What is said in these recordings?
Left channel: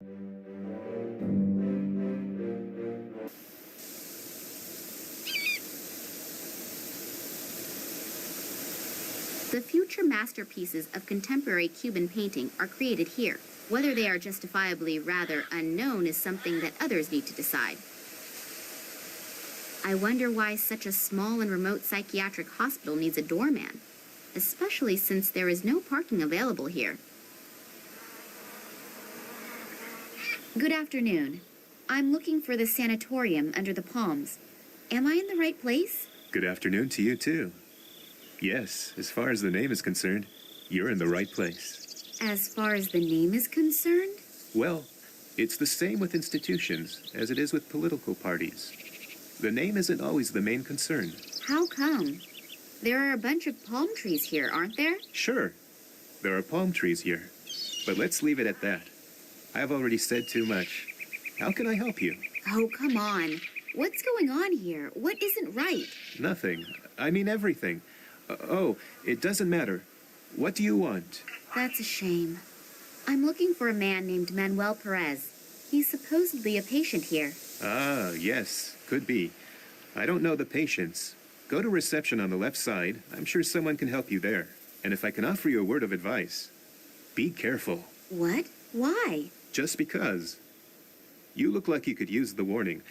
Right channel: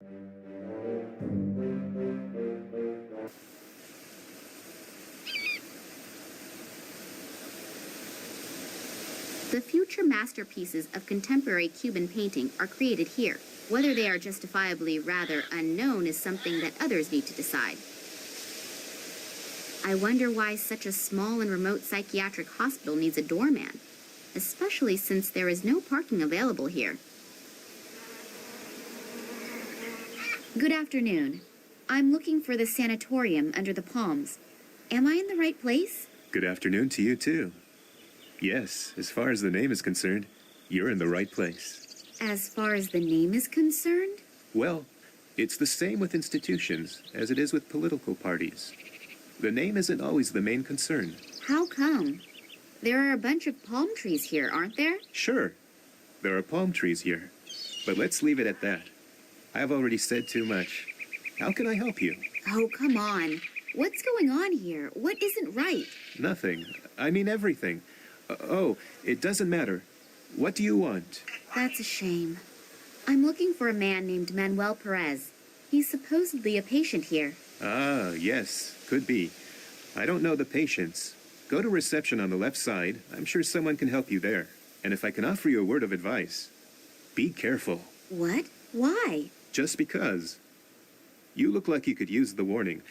The future masterpieces of contemporary Cuban painting are created here. Whether they are justifiably rather unknown is something that others need to decide. I wonder why such a small and remote psychiatric hospital needs a doorman, especially since there is no parking available here. Good afternoon. I'm looking for the sanatorium under the palms. Am I in the right place? Good afternoon to you, too. Yes, as far as the name is concerned, you're in the right place. As far as the name is concerned? Well, it's the same with institutions as it is with political parties. The name isn't always the main concern. How come? There are a bunch of palm trees here, aren't there? Sure, there are palm trees here. But let's leave it at that. I've already said too much. How can I help you? Oh, come on. What's going on here? What isn't right? Nothing. I mean everything. Oh, it doesn't matter. What do you want? That's a shame. I'm looking for a man named Manuel Perez. He's supposedly a patient here. Ah, yes, could be. I don't know the patients. Go to reception on the left side. I'm sure someone can help you there. And if I can offer you a word of advice, be careful. What? Why? Just because. You look like you could use the warning.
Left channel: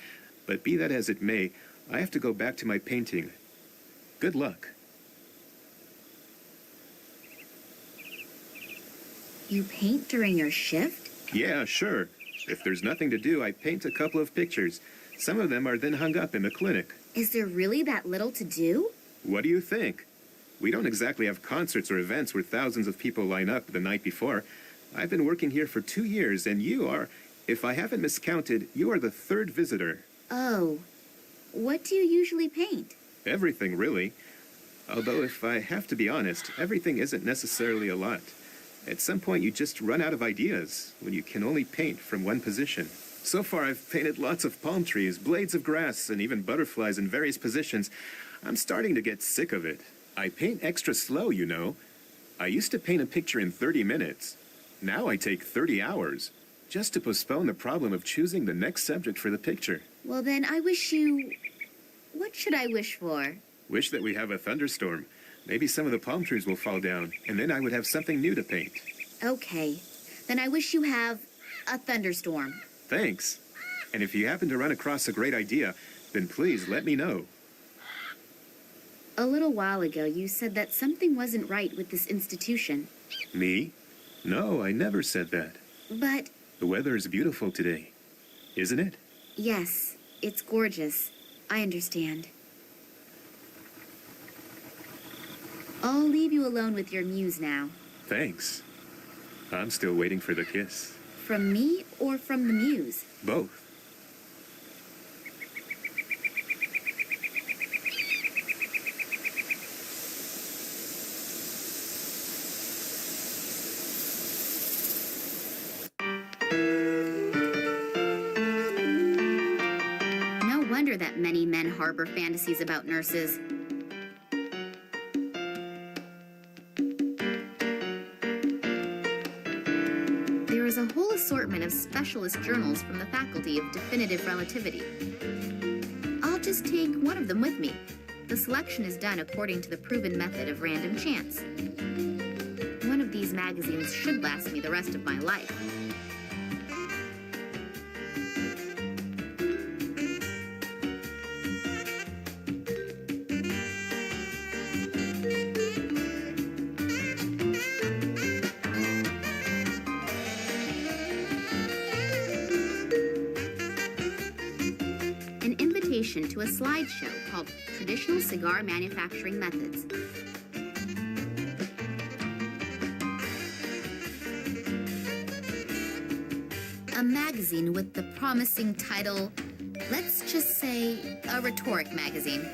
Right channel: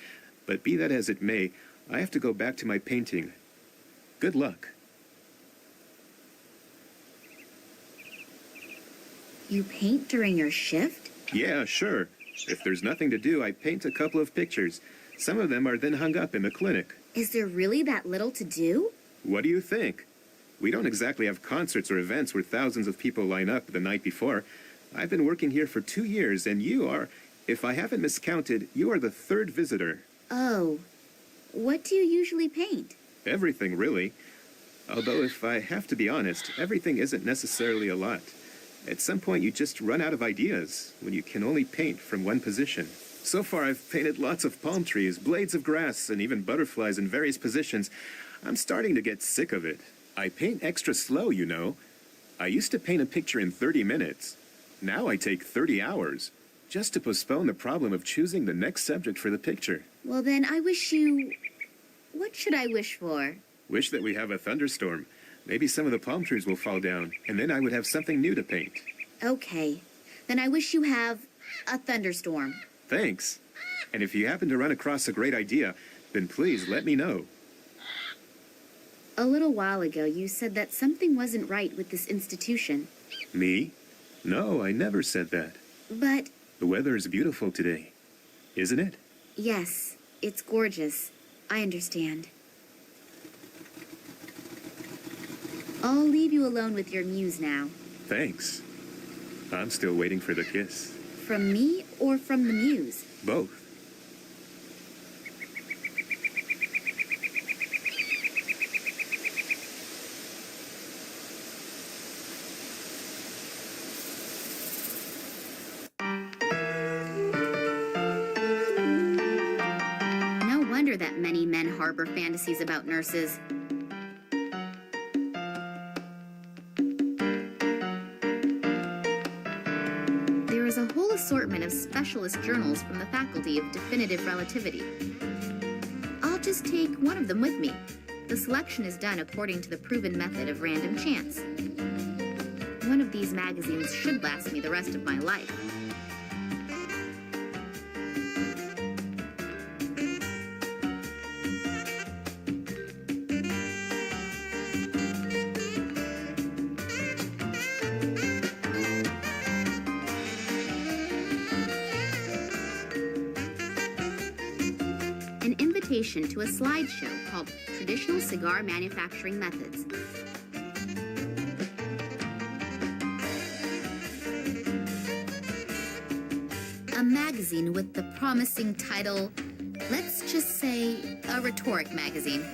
But be that as it may, I have to go back to my painting. Good luck. You paint during your shift? Yeah, sure. If there's nothing to do, I paint a couple of pictures. Some of them are then hung up in the clinic. Is there really that little to do? What do you think? We don't exactly have concerts or events where thousands of people line up the night before. I've been working here for 2 years, and you are, if I haven't miscounted, you are the third visitor. Oh. What do you usually paint? Everything, really. Although, if I have to be honest, everything isn't necessarily a lot. At some point, you just run out of ideas when you can only paint from one position. So far, I've painted lots of palm trees, blades of grass, and even butterflies in various positions. I'm starting to get sick of it. I paint extra slow, you know. I used to paint a picture in 30 minutes. Now I take 30 hours, just to postpone the problem of choosing the next subject for the picture. Well, then I wish you... What should I wish for? Wish that we have a thunderstorm. Maybe some of the palm trees will fall down, and then I would have something new to paint. Okay. Then I wish you have a thunderstorm. Thanks. And if you happen to run across a great idea, then please let me know. A little while ago, you said that something wasn't right with this institution. Me? No, I never said that. But... The weather is beautiful today, isn't it? Yes, it's gorgeous. I understand. I'll leave you alone with your muse now. Thanks. I'm still waiting for the kiss. From me or from the muse? Both. No wonder that many men harbor fantasies about nurses. There is a whole assortment of specialist journals from the Faculty of Definitive Relativity. I'll just take one of them with me. The selection is done according to the proven method of random chance. One of these magazines should last me the rest of my life. To a slideshow called Traditional Cigar Manufacturing Methods. A magazine with the promising title, let's just say, a rhetoric magazine.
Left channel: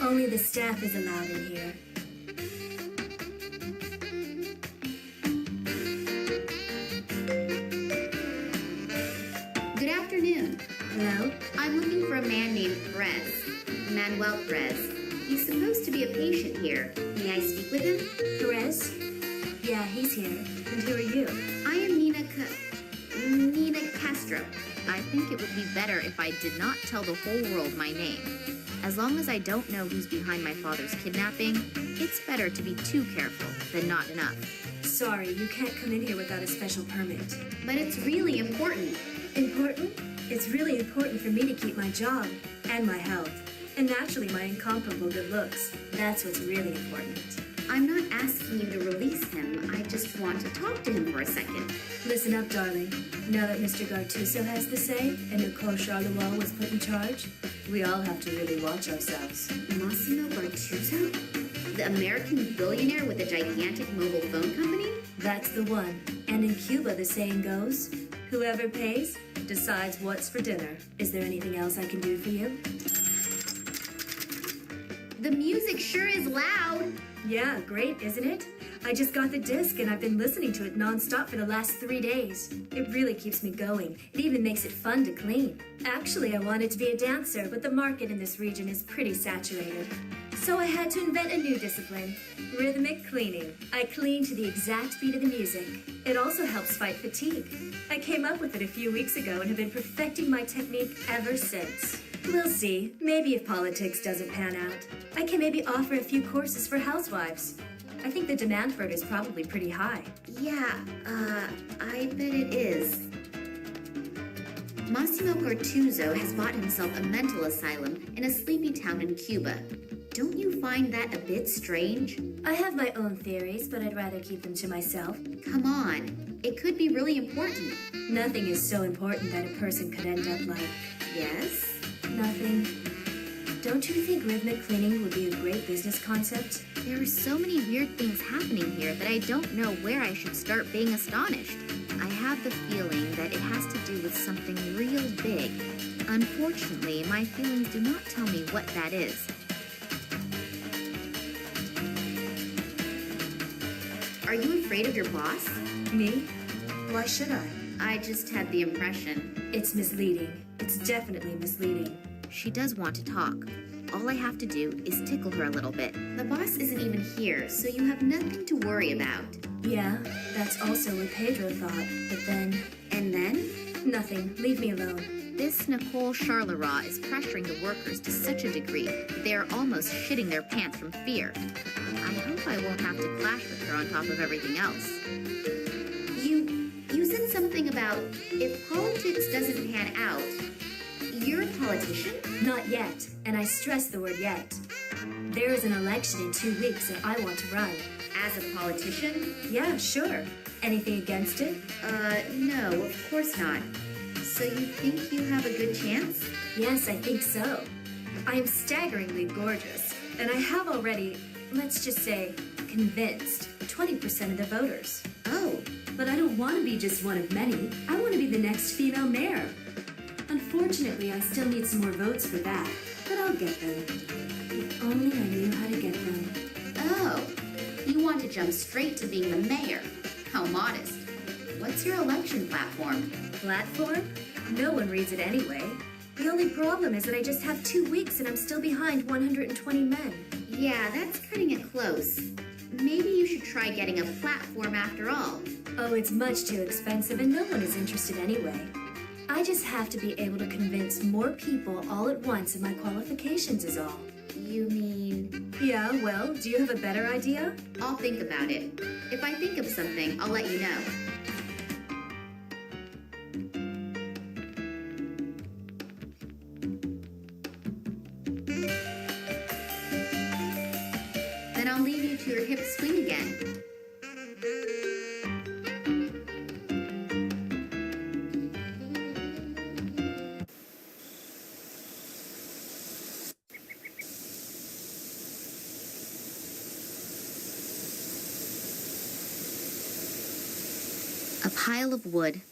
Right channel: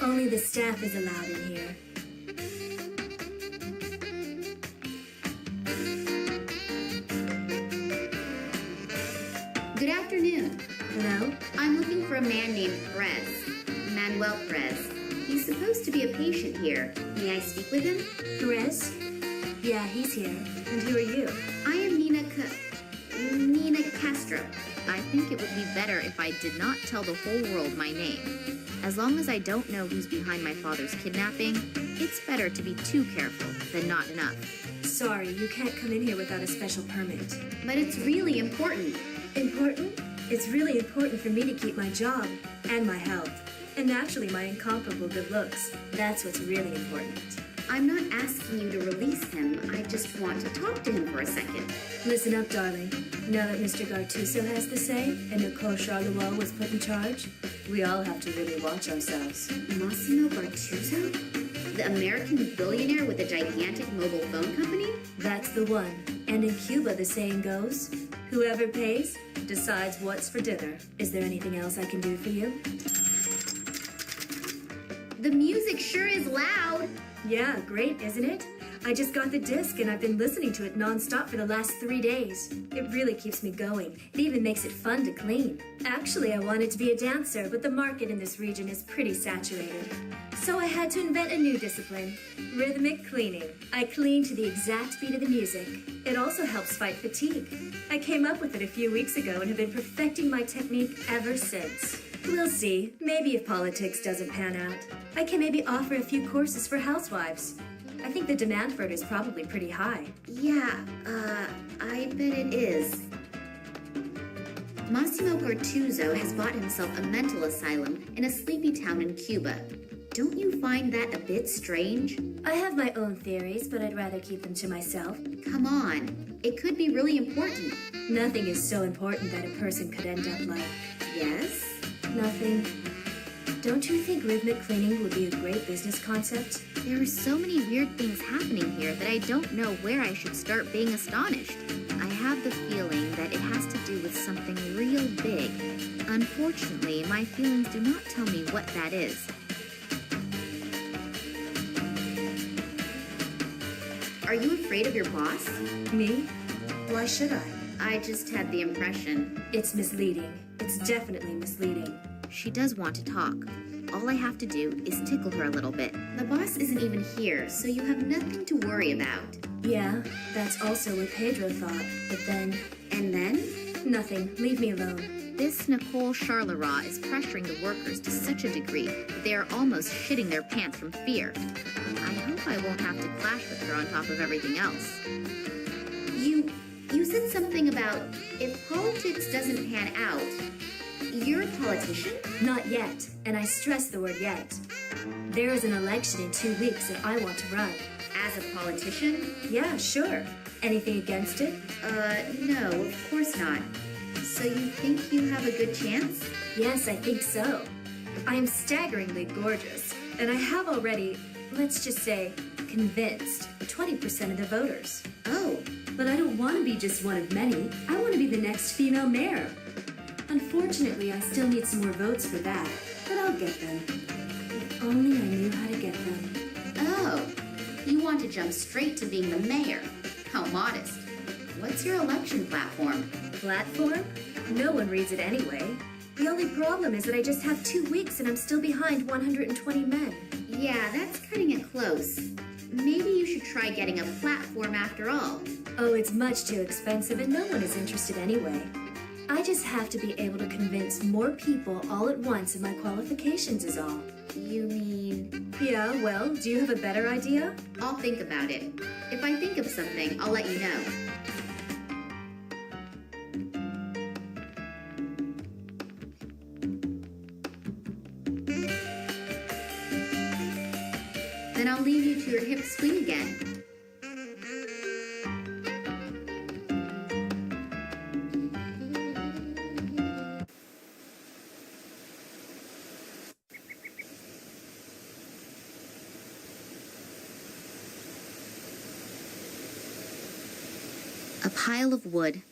Only the staff is allowed in here. Good afternoon. Hello? I'm looking for a man named Perez. Manuel Perez. He's supposed to be a patient here. May I speak with him? Perez? Yeah, he's here. And who are you? I am Nina Castro. I think it would be better if I did not tell the whole world my name. As long as I don't know who's behind my father's kidnapping, it's better to be too careful than not enough. Sorry, you can't come in here without a special permit. But it's really important. Important? It's really important for me to keep my job and my health. And naturally, my incomparable good looks. That's what's really important. I'm not asking you to release him. I just want to talk to him for a second. Listen up, darling. Now that Mr. Gartuso has the say and Nicole Charleroi was put in charge, we all have to really watch ourselves. Massimo Gartuso? The American billionaire with a gigantic mobile phone company? That's the one. And in Cuba, the saying goes, whoever pays decides what's for dinner. Is there anything else I can do for you? The music sure is loud. Yeah, great, isn't it? I just got the disc and I've been listening to it nonstop for the last 3 days. It really keeps me going. It even makes it fun to clean. Actually, I wanted to be a dancer, but the market in this region is pretty saturated. So I had to invent a new discipline, rhythmic cleaning. I clean to the exact beat of the music. It also helps fight fatigue. I came up with it a few weeks ago and have been perfecting my technique ever since. We'll see. Maybe if politics doesn't pan out, I can maybe offer a few courses for housewives. I think the demand for it is probably pretty high. Yeah, I bet it is. Massimo Gartuso has bought himself a mental asylum in a sleepy town in Cuba. Don't you find that a bit strange? I have my own theories, but I'd rather keep them to myself. Come on, it could be really important. Nothing is so important that a person could end up like. Yes? Nothing. Don't you think rhythmic cleaning would be a great business concept? There are so many weird things happening here that I don't know where I should start being astonished. I have the feeling that it has to do with something real big. Unfortunately, my feelings do not tell me what that is. Are you afraid of your boss? Me? Why should I? I just had the impression. It's misleading. It's definitely misleading. She does want to talk. All I have to do is tickle her a little bit. The boss isn't even here, so you have nothing to worry about. Yeah, that's also what Pedro thought. But then... And then? Nothing. Leave me alone. This Nicole Charleroi is pressuring the workers to such a degree that they are almost shitting their pants from fear. I hope I won't have to clash with her on top of everything else. You said something about if politics doesn't pan out, you're a politician? Not yet, and I stress the word yet. There is an election in 2 weeks and I want to run. As a politician? Yeah, sure. Anything against it? No, of course not. So you think you have a good chance? Yes, I think so. I am staggeringly gorgeous, and I have already, let's just say, convinced 20% of the voters. Oh. But I don't want to be just one of many. I want to be the next female mayor. Unfortunately, I still need some more votes for that, but I'll get them. If only I knew how to get them. Oh, you want to jump straight to being the mayor. How modest. What's your election platform? Platform? No one reads it anyway. The only problem is that I just have 2 weeks and I'm still behind 120 men. Yeah, that's cutting it close. Maybe you should try getting a platform after all. Oh, it's much too expensive and no one is interested anyway. I just have to be able to convince more people all at once of my qualifications is all. You mean... Yeah, well, do you have a better idea? I'll think about it. If I think of something, I'll let you know. Then I'll leave you to your hip swing again. A pile of wood.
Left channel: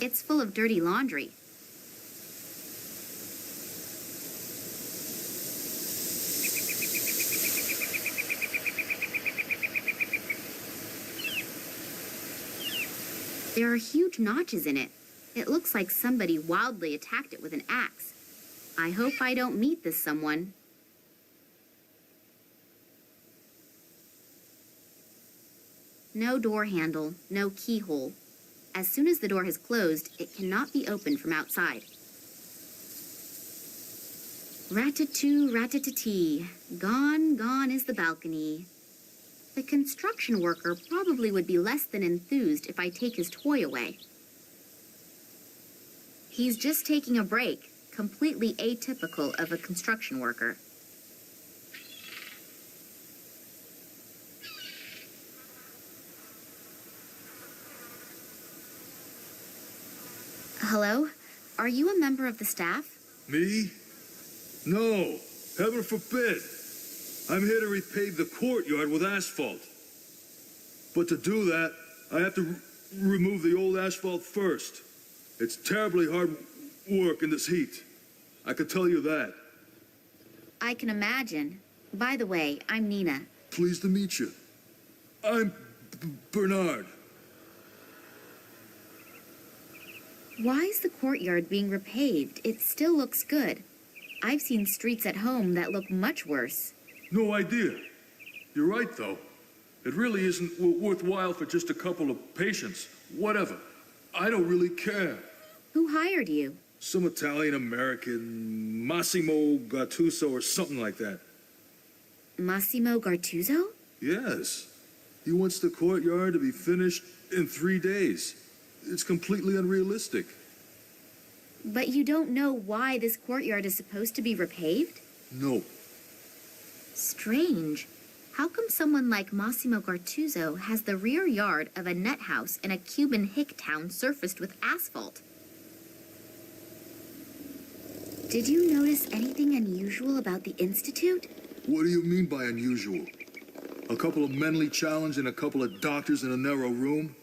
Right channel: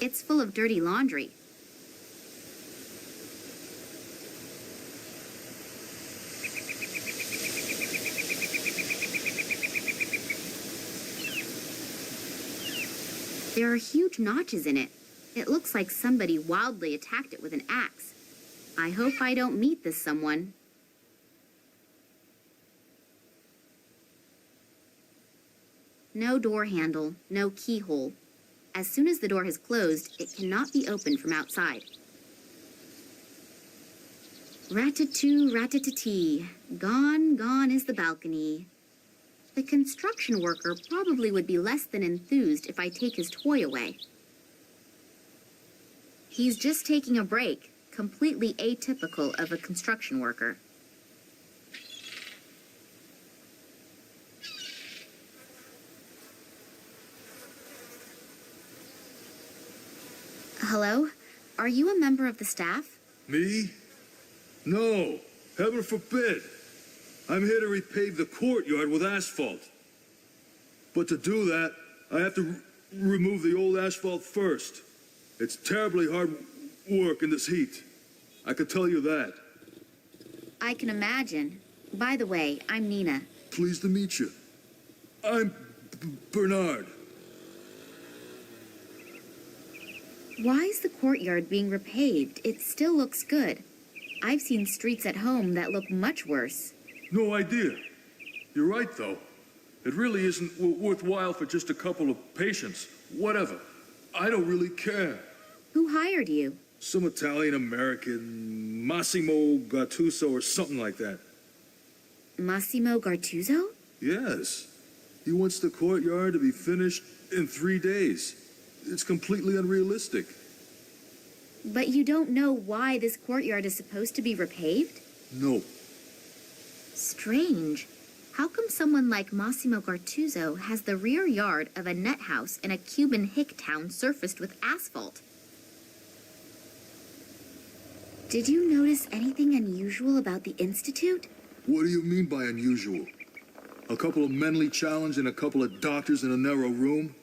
It's full of dirty laundry. There are huge notches in it. It looks like somebody wildly attacked it with an axe. I hope I don't meet this someone. No door handle, no keyhole. As soon as the door has closed, it cannot be opened from outside. Rat-a-too, rat-a-tee. Gone, gone is the balcony. The construction worker probably would be less than enthused if I take his toy away. He's just taking a break, completely atypical of a construction worker. Hello? Are you a member of the staff? Me? No, heaven forbid. I'm here to repave the courtyard with asphalt. But to do that, I have to remove the old asphalt first. It's terribly hard work in this heat. I can tell you that. I can imagine. By the way, I'm Nina. Pleased to meet you. I'm Bernard. Why is the courtyard being repaved? It still looks good. I've seen streets at home that look much worse. No idea. You're right, though. It really isn't worthwhile for just a couple of patients. Whatever. I don't really care. Who hired you? Some Italian-American, Massimo Gattuso or something like that. Massimo Gartuzzo? Yes. He wants the courtyard to be finished in 3 days. It's completely unrealistic. But you don't know why this courtyard is supposed to be repaved? No. Strange. How come someone like Massimo Gartuzzo has the rear yard of a net house in a Cuban hick town surfaced with asphalt? Did you notice anything unusual about the Institute? What do you mean by unusual? A couple of mentally challenged and a couple of doctors in a narrow room?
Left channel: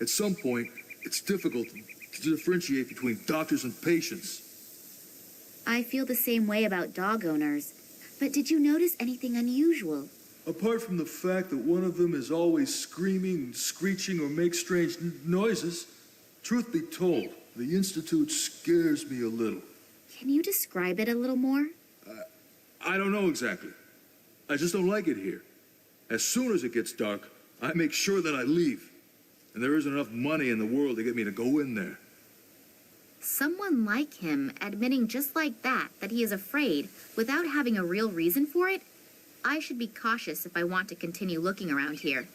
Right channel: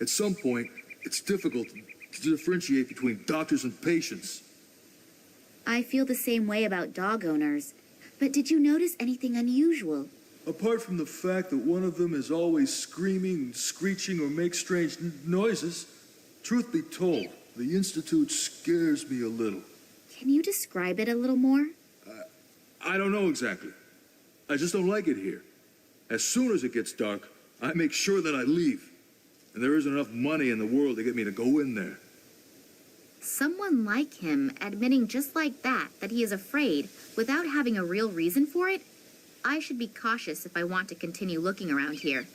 At some point, it's difficult to differentiate between doctors and patients. I feel the same way about dog owners. But did you notice anything unusual? Apart from the fact that one of them is always screaming, screeching, or makes strange noises, truth be told, the Institute scares me a little. Can you describe it a little more? I don't know exactly. I just don't like it here. As soon as it gets dark, I make sure that I leave. And there isn't enough money in the world to get me to go in there. Someone like him admitting just like that he is afraid without having a real reason for it? I should be cautious if I want to continue looking around here.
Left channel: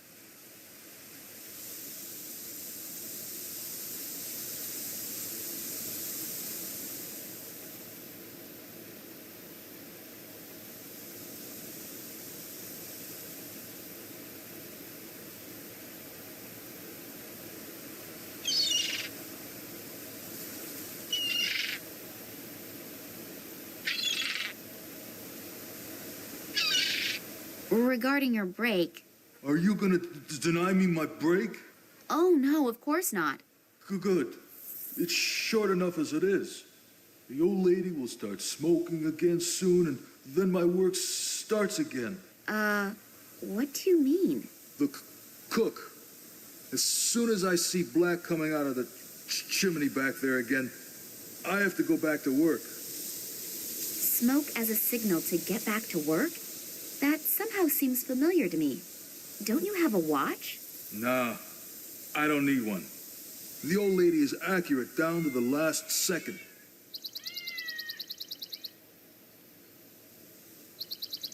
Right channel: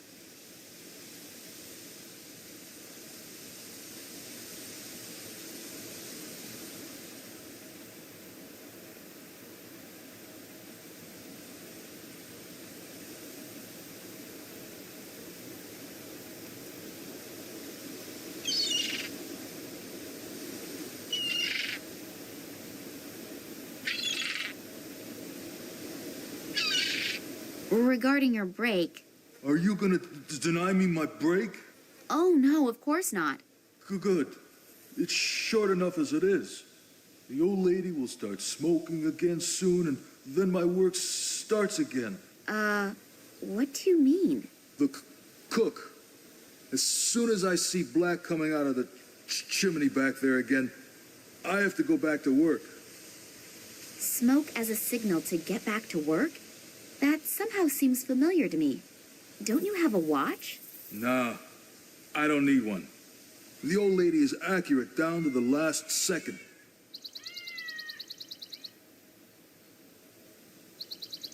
Regarding your break... Are you gonna deny me my break? Oh, no, of course not. Good. It's short enough as it is. The old lady will start smoking again soon, and then my work starts again. What do you mean? The cook. As soon as I see black coming out of the chimney back there again, I have to go back to work. Smoke as a signal to get back to work? That somehow seems familiar to me. Don't you have a watch? Nah, I don't need one. The old lady is accurate down to the last second.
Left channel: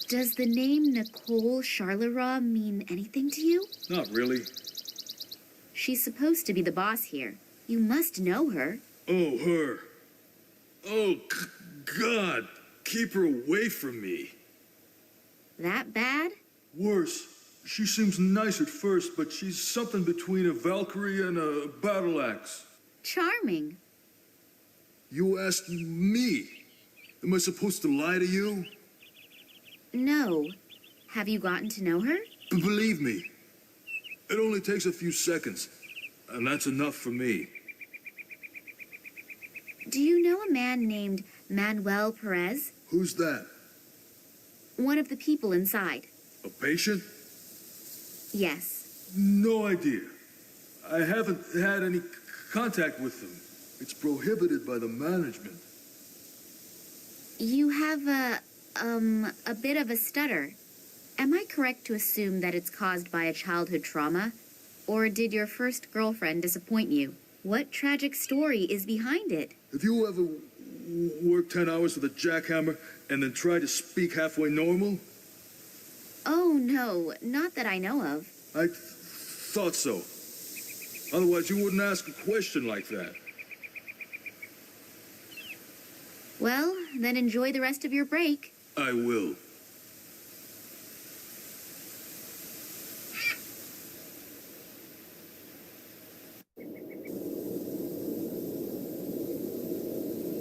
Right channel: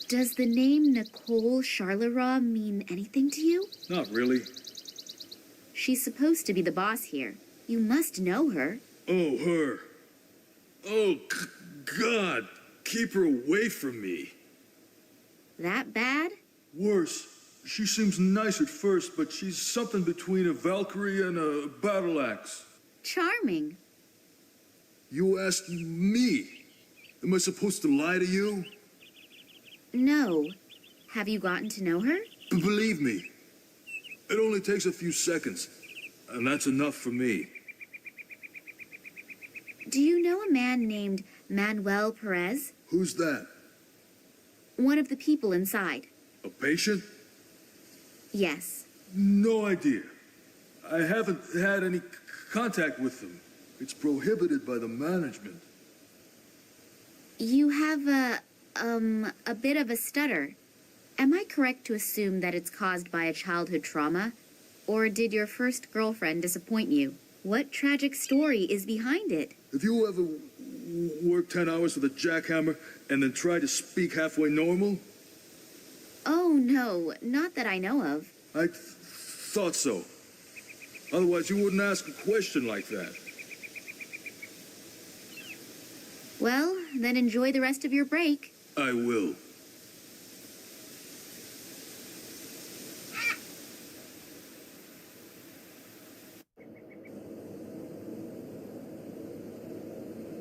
Does the name Nicole Charleroi mean anything to you? Not really. She's supposed to be the boss here. You must know her. Oh, her. Oh, God. Keep her away from me. That bad? Worse. She seems nice at first, but she's something between a Valkyrie and a battle axe. Charming. You asked me. Am I supposed to lie to you? No. Have you gotten to know her? Believe me, it only takes a few seconds, and that's enough for me. Do you know a man named Manuel Perez? Who's that? One of the people inside. A patient? Yes. No idea. I haven't had any contact with them. It's prohibited by the management. You have a bit of a stutter. Am I correct to assume that it's caused by a childhood trauma? Or did your first girlfriend disappoint you? What tragic story is behind it? Have you ever worked 10 hours with a jackhammer and then tried to speak halfway normal? Oh, no, not that I know of. I thought so. Otherwise, you wouldn't ask a question like that. Well, then enjoy the rest of your break. I will.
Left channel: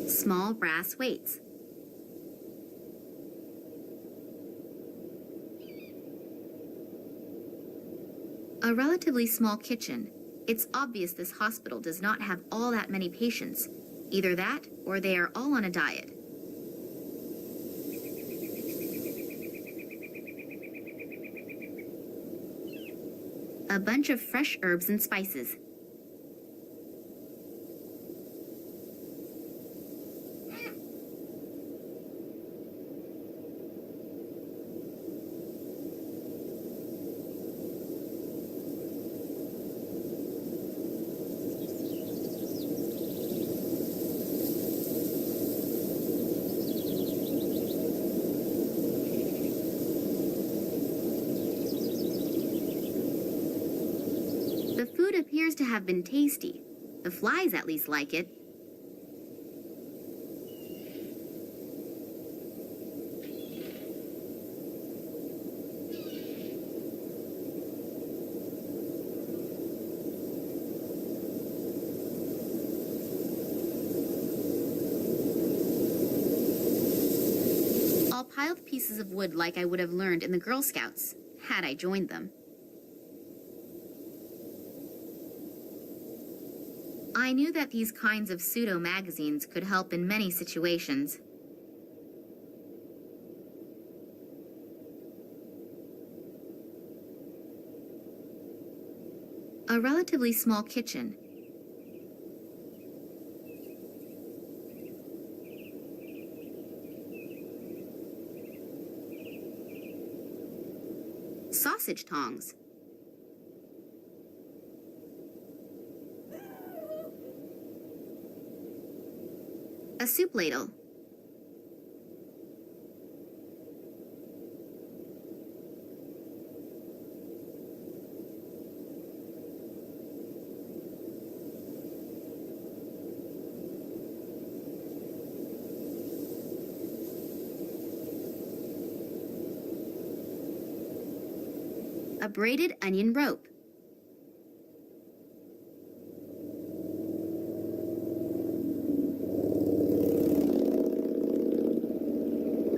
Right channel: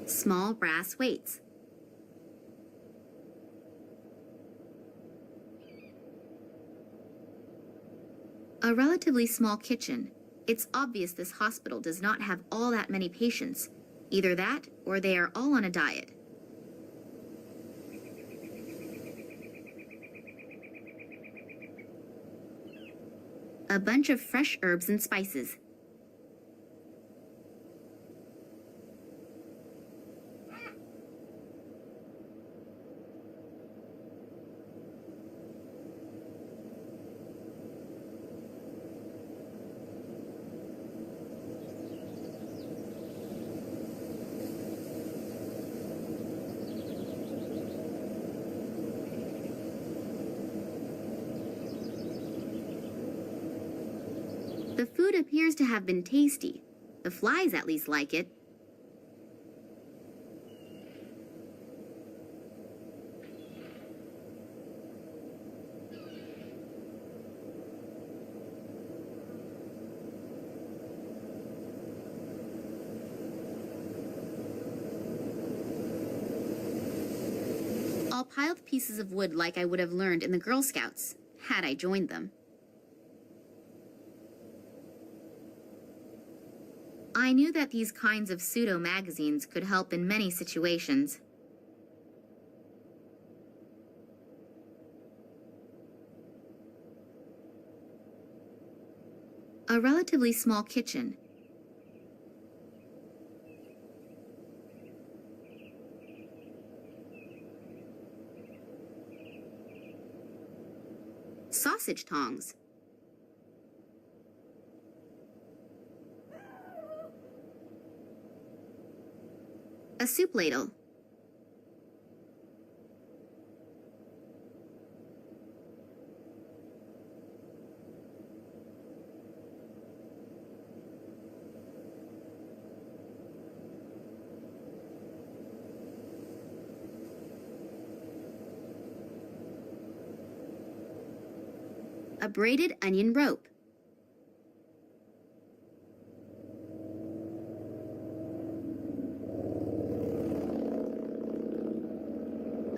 Small brass weights. A relatively small kitchen. It's obvious this hospital does not have all that many patients. Either that, or they are all on a diet. A bunch of fresh herbs and spices. The food appears to have been tasty. The flies at least like it. I'll pile the pieces of wood like I would have learned in the Girl Scouts, had I joined them. I knew that these kinds of pseudo-magazines could help in many situations. A relatively small kitchen. Sausage tongs. A soup ladle. A braided onion rope.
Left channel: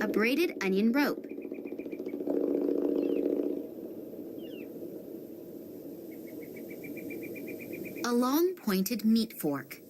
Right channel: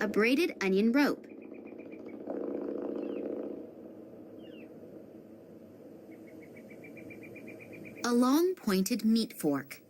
A braided onion rope. A long pointed meat fork.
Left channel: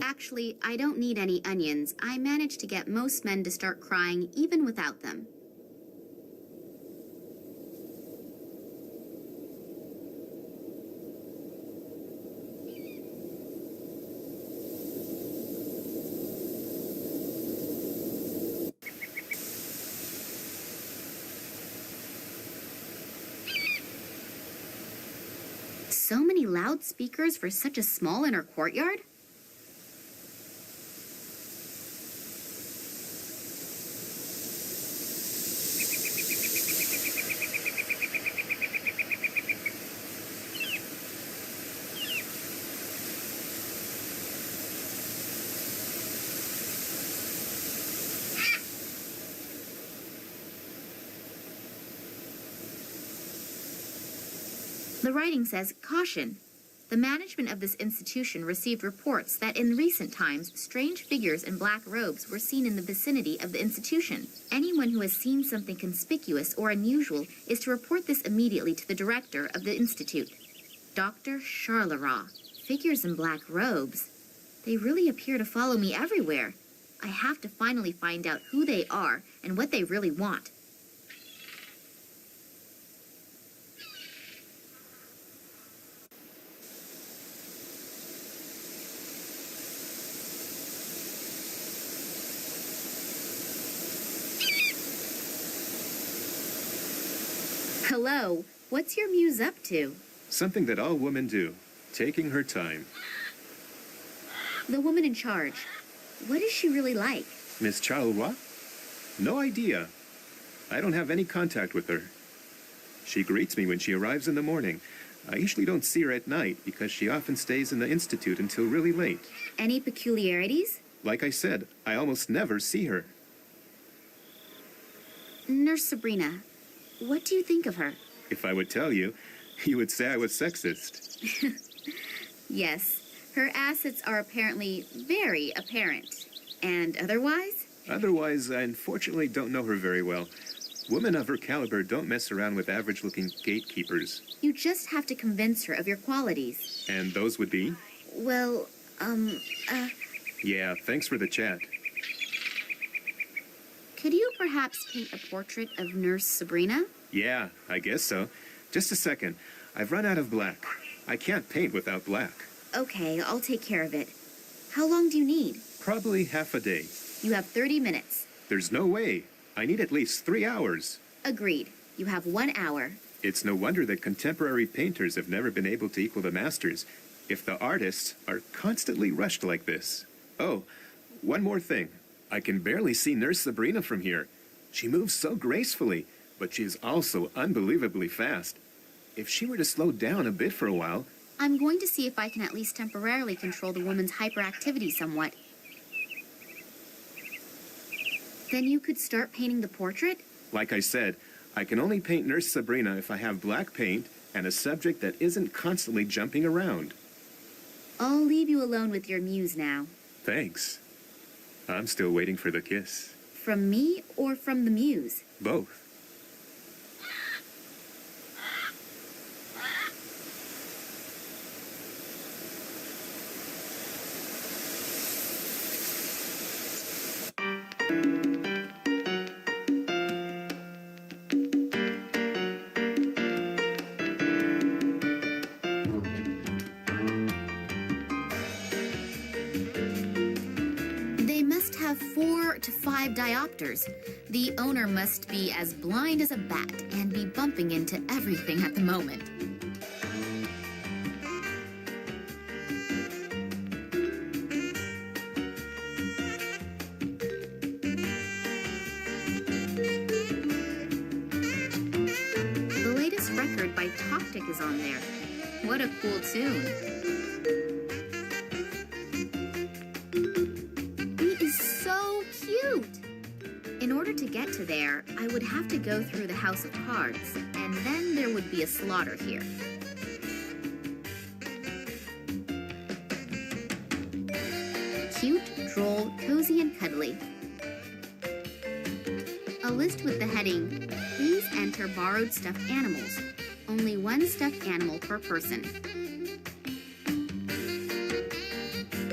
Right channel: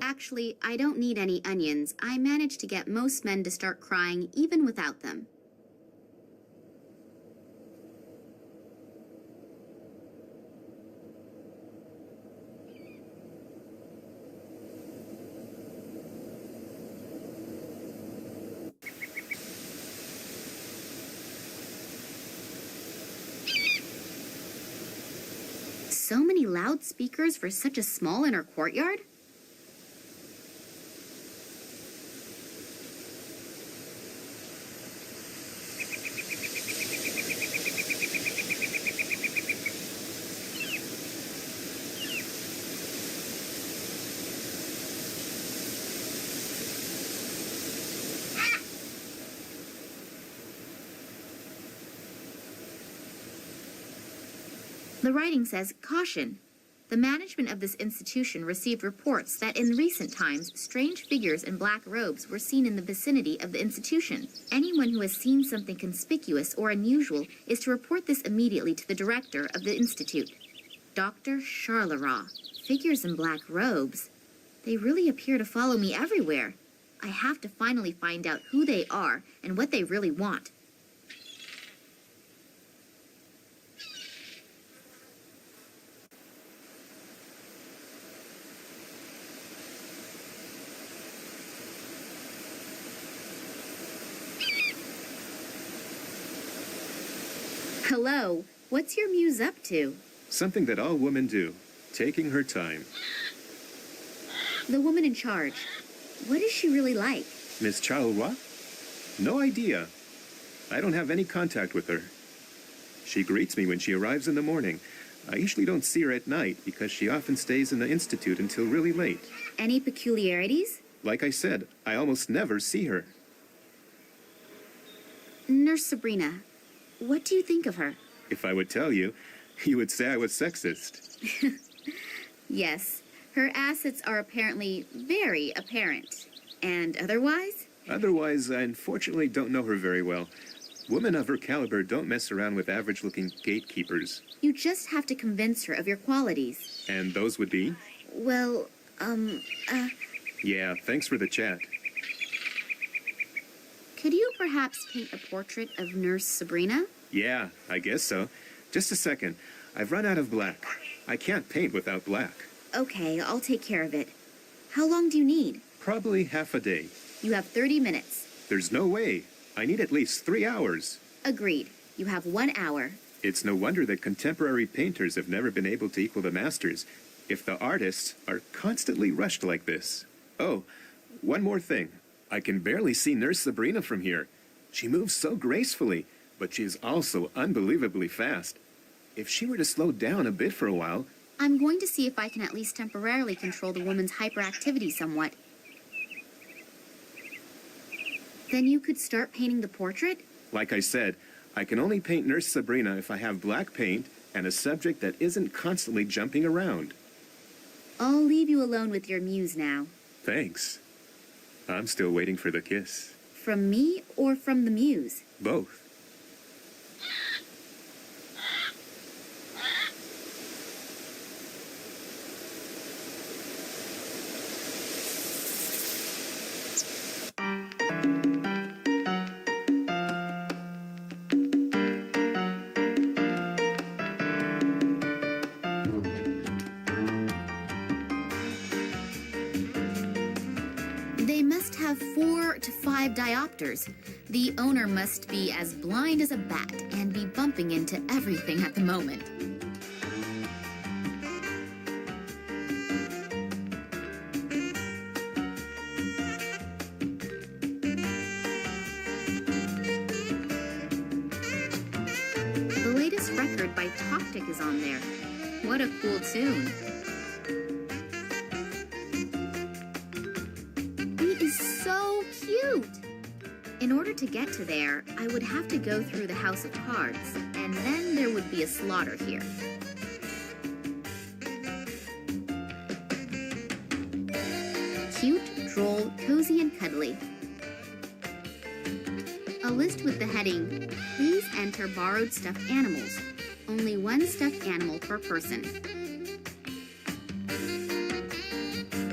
Actually, I don't need any onions. I managed to get most men to start crying even without them. So many loudspeakers for such a small inner courtyard? The writing says, "Caution. The management of this institution received reports that in recent times, strange figures in black robes were seen in the vicinity of the institution. Anyone who has seen something conspicuous or unusual is to report this immediately to the director of the institute, Dr. Charleroi. Figures in black robes. They really appear to follow me everywhere. I have to finally find out who they are and what they really want. Hello, what's your muse up to? Something that all women do, taking her time. The woman in charge. What is she really like? Miss Charleroi? No idea. I don't have any contact with her. She greets me when she arrives in the morning. I usually don't see her at night because she often stays in the institute until really late. Any peculiarities? Like I said, I almost never see her. Nurse Sabrina, what do you think of her? If I would tell you, you would say I was sexist. Yes, her assets are apparently very apparent. And otherwise? Otherwise, I unfortunately don't know her very well. Women of her caliber don't mess around with average-looking gatekeepers. You just have to convince her of your qualities. And those would be? Well, Yeah, thanks for the chat. Could you perhaps paint a portrait of Nurse Sabrina? Yeah, I guess so. Just a second. I've run out of black. I can't paint without black. Okay, I'll take care of it. How long do you need? Probably half a day. You have 30 minutes. There's no way. I need at least 3 hours. Agreed. You have 1 hour. It's no wonder that contemporary painters have never been able to equal the masters, if the artists are constantly rushed like this. Oh, one more thing. I can barely see Nurse Sabrina from here. She moves so gracefully, but she is also unbelievably fast. If she were to slow down a bit for a while... I'm going to see if I can at least temporarily control the woman's hyperactivity somewhat. Then you could start painting the portrait? Like I said, I can only paint Nurse Sabrina if I have black paint and a subject that isn't constantly jumping around. I'll leave you alone with your muse now. Thanks. I'm still waiting for the kiss. From me or from the muse? Both. They must have 4 to 5 diopters. The owner must be as blind as a bat and be bumping into everything at the moment. The latest record by Toptic is on there. What a cool tune. In order to get to there, I would have to go through the House of Cards, and then there would be a slaughter here. Cute, droll, cozy, and cuddly. A list with the heading, "Please enter borrowed stuffed animals. Only 1 stuffed animal per person."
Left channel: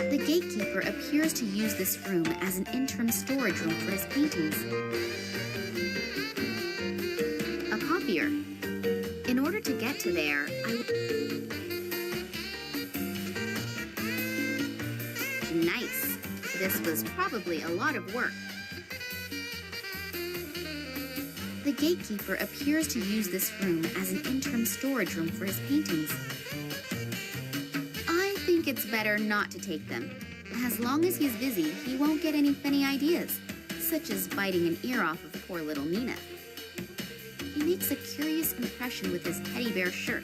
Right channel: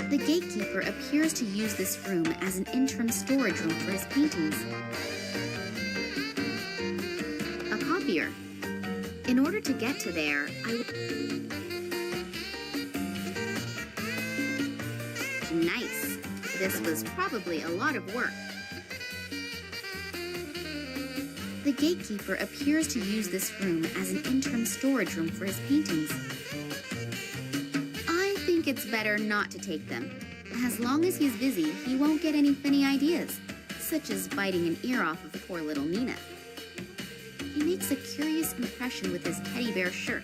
The gatekeeper appears to use this room as an interim storage room for his paintings. A copier. In order to get to there, Nice. This was probably a lot of work. The gatekeeper appears to use this room as an interim storage room for his paintings. I think it's better not to take them. As long as he's busy, he won't get any funny ideas, such as biting an ear off of poor little Nina. He makes a curious impression with his teddy bear shirt.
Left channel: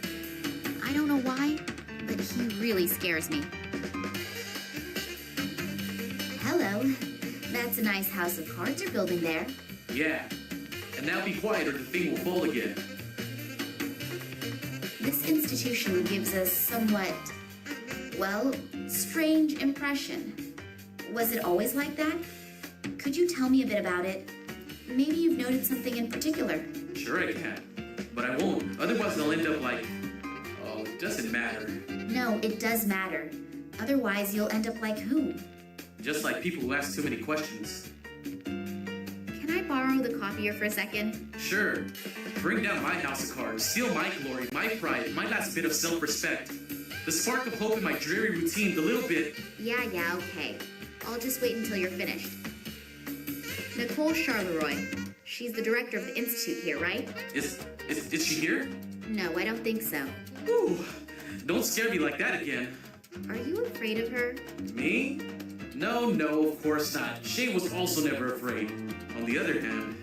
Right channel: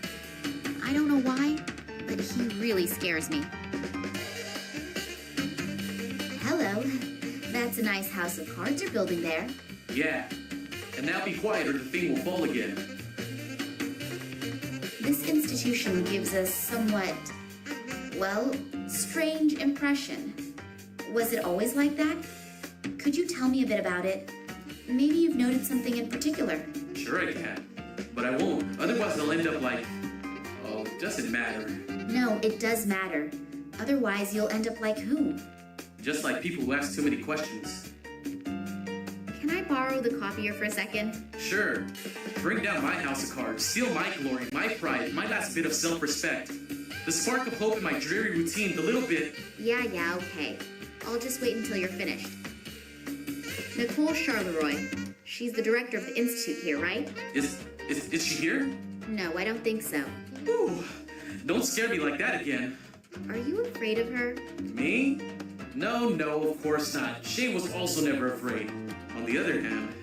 I don't know why, but he really scares me. Hello. That's a nice house of cards you're building there. Yeah. And now be quiet or the thing will fall again. This institution gives a somewhat Well, strange impression. Was it always like that? Could you tell me a bit about it? Maybe you've noted something in particular. Sure I can. But I won't. Otherwise I'll end up like... Oh, it doesn't matter. No, it does matter. Otherwise, you'll end up like who? Just like people who ask too many questions. Can I borrow the copier for a second? Sure. Bring down my house of cards. Steal my glory, my pride, my last bit of self-respect. The spark of hope in my dreary routine, the little bit... Yeah, okay. I'll just wait until you're finished. Nicole Charleroi. She's the director of the institute here, right? Is she here? No, I don't think so. Ooh, don't scare me like that again. Are you afraid of her? Me? No, of course not. Shay was also never afraid. On the other hand,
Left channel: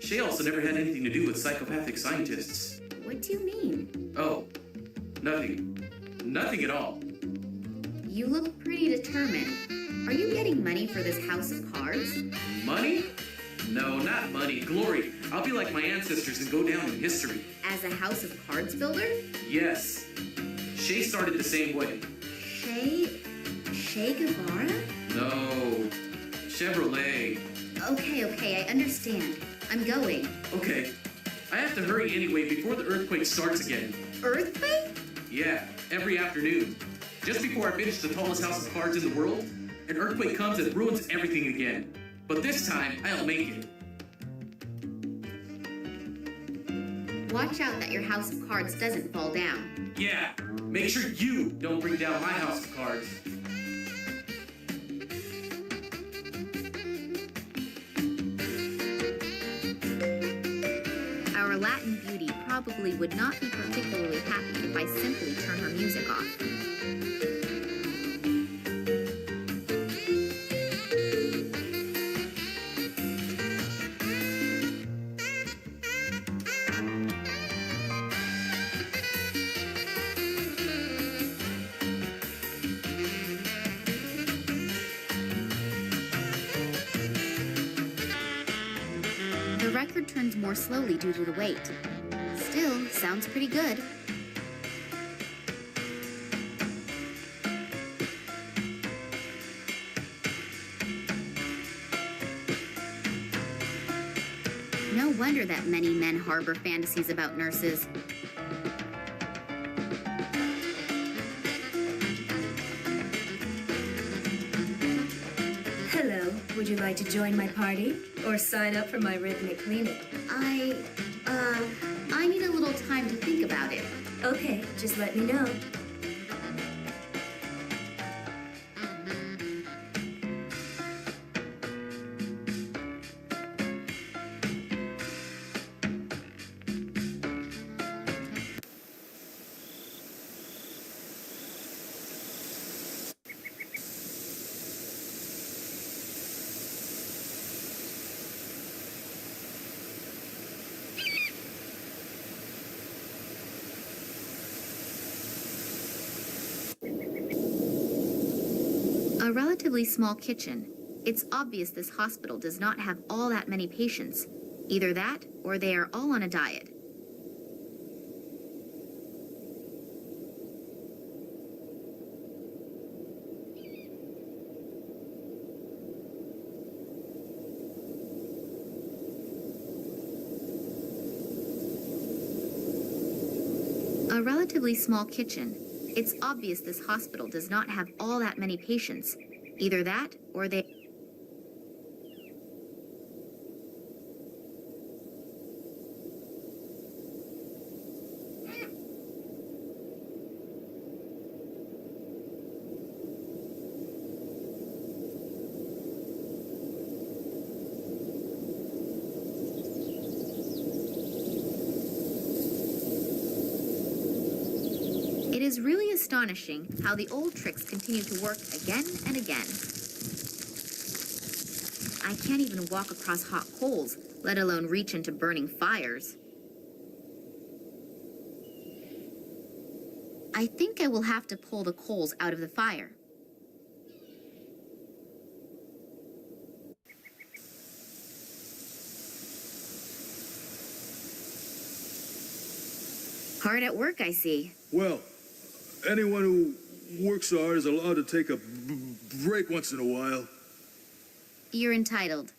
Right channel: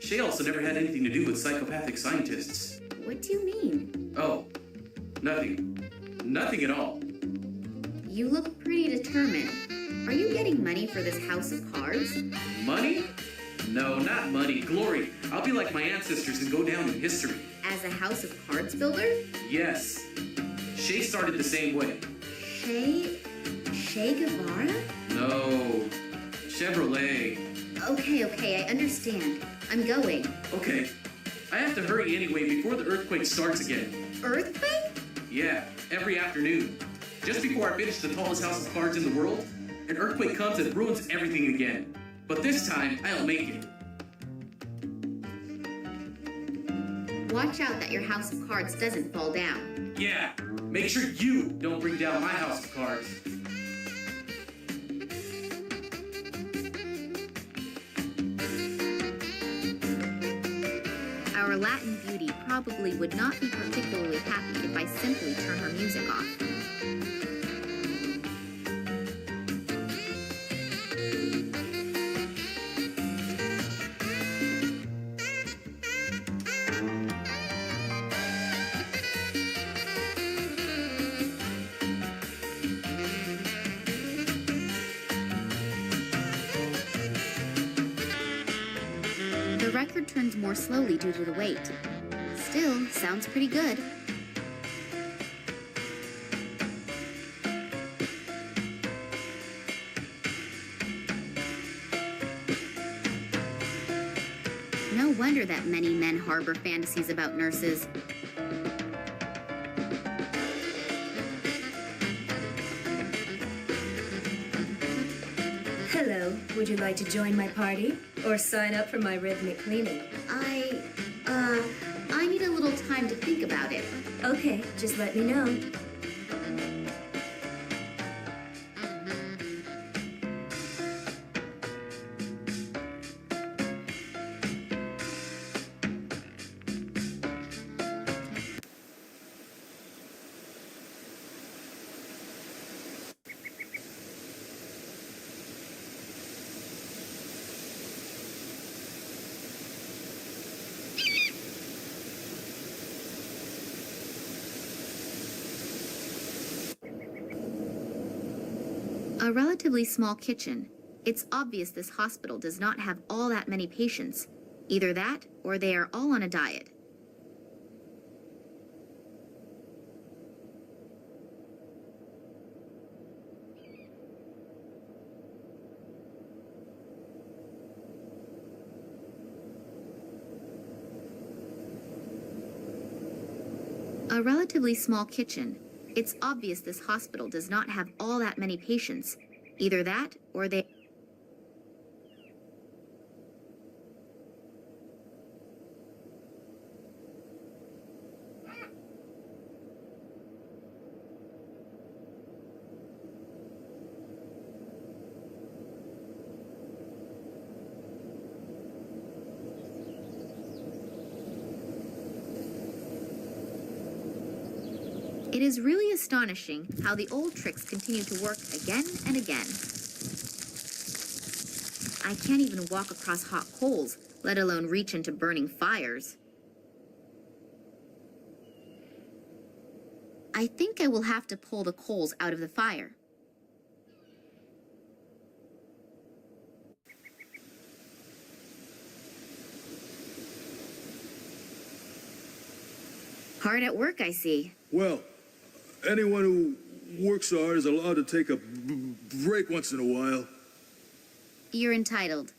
Shay also never had anything to do with psychopathic scientists. What do you mean? Oh, nothing. Nothing at all. You look pretty determined. Are you getting money for this house of cards? Money? No, not money. Glory. I'll be like my ancestors and go down in history. As a house of cards builder? Yes. Shay started the same way. Che Guevara? No. Chevrolet. Okay, I understand. I'm going. Okay. I have to hurry anyway before the earthquake starts again. Earthquake? Yeah, every afternoon. Just before I finish the tallest house of cards in the world, an earthquake comes and ruins everything again. But this time, I'll make it. Watch out that your house of cards doesn't fall down. Yeah, make sure you don't bring down my house of cards. Our Latin beauty probably would not be particularly happy if I simply turn her music off. The record turns more slowly due to the weight. Still, sounds pretty good. No wonder that many men harbor fantasies about nurses. Hello, would you like to join my party? Or sign up for my rhythmic cleaning? I need a little time to think about it. Okay, just let me know. A relatively small kitchen. It's obvious this hospital does not have all that many patients. Either that, or they are all on a diet. A relatively small kitchen. It's obvious this hospital does not have all that many patients. Either that, or they... It is really astonishing how the old tricks continue to work again and again. I can't even walk across hot coals, let alone reach into burning fires. I think I will have to pull the coals out of the fire. Hard at work, I see. Well, anyone who works so hard is allowed to take a break once in a while. You're entitled.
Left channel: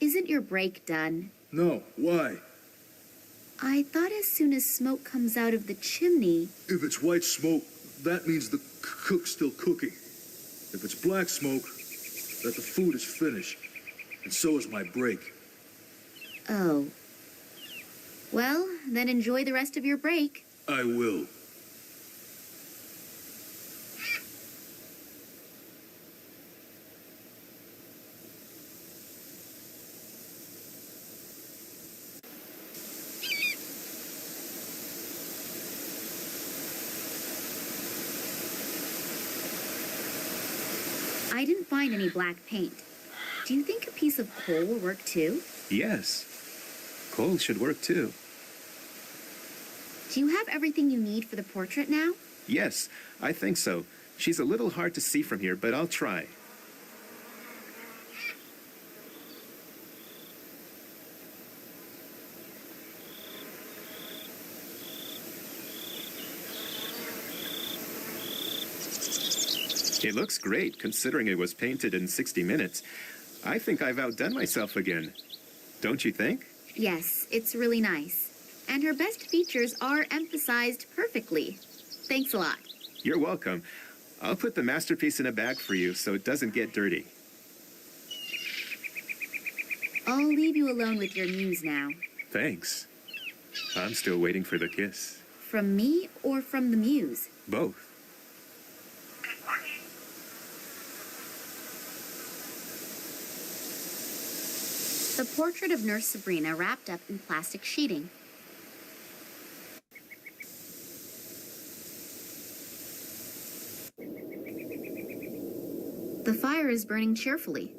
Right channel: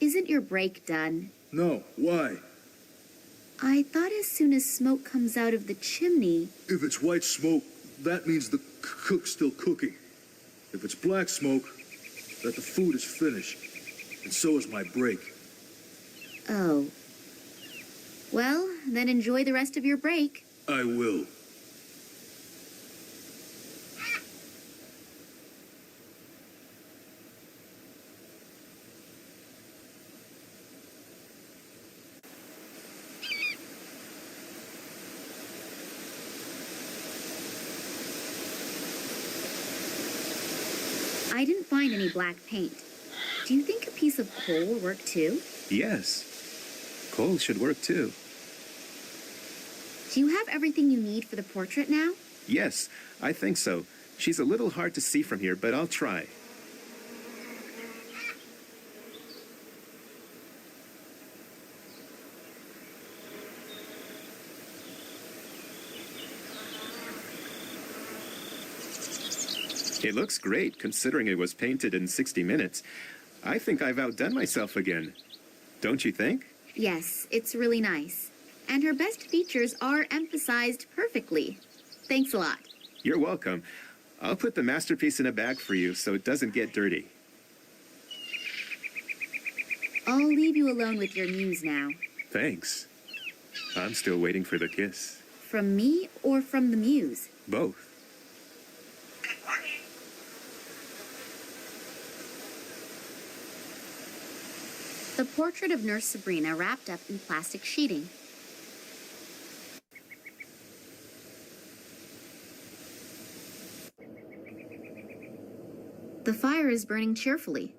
Isn't your break done? No, why? I thought as soon as smoke comes out of the chimney... If it's white smoke, that means the cook's still cooking. If it's black smoke, that the food is finished. And so is my break. Oh. Well, then enjoy the rest of your break. I will. I didn't find any black paint. Do you think a piece of coal will work too? Yes. Coal should work too. Do you have everything you need for the portrait now? Yes, I think so. She's a little hard to see from here, but I'll try. It looks great, considering it was painted in 60 minutes. I think I've outdone myself again. Don't you think? Yes, it's really nice. And her best features are emphasized perfectly. Thanks a lot. You're welcome. I'll put the masterpiece in a bag for you so it doesn't get dirty. I'll leave you alone with your muse now. Thanks. I'm still waiting for the kiss. From me or from the muse? Both. The portrait of Nurse Sabrina wrapped up in plastic sheeting. The fire is burning cheerfully.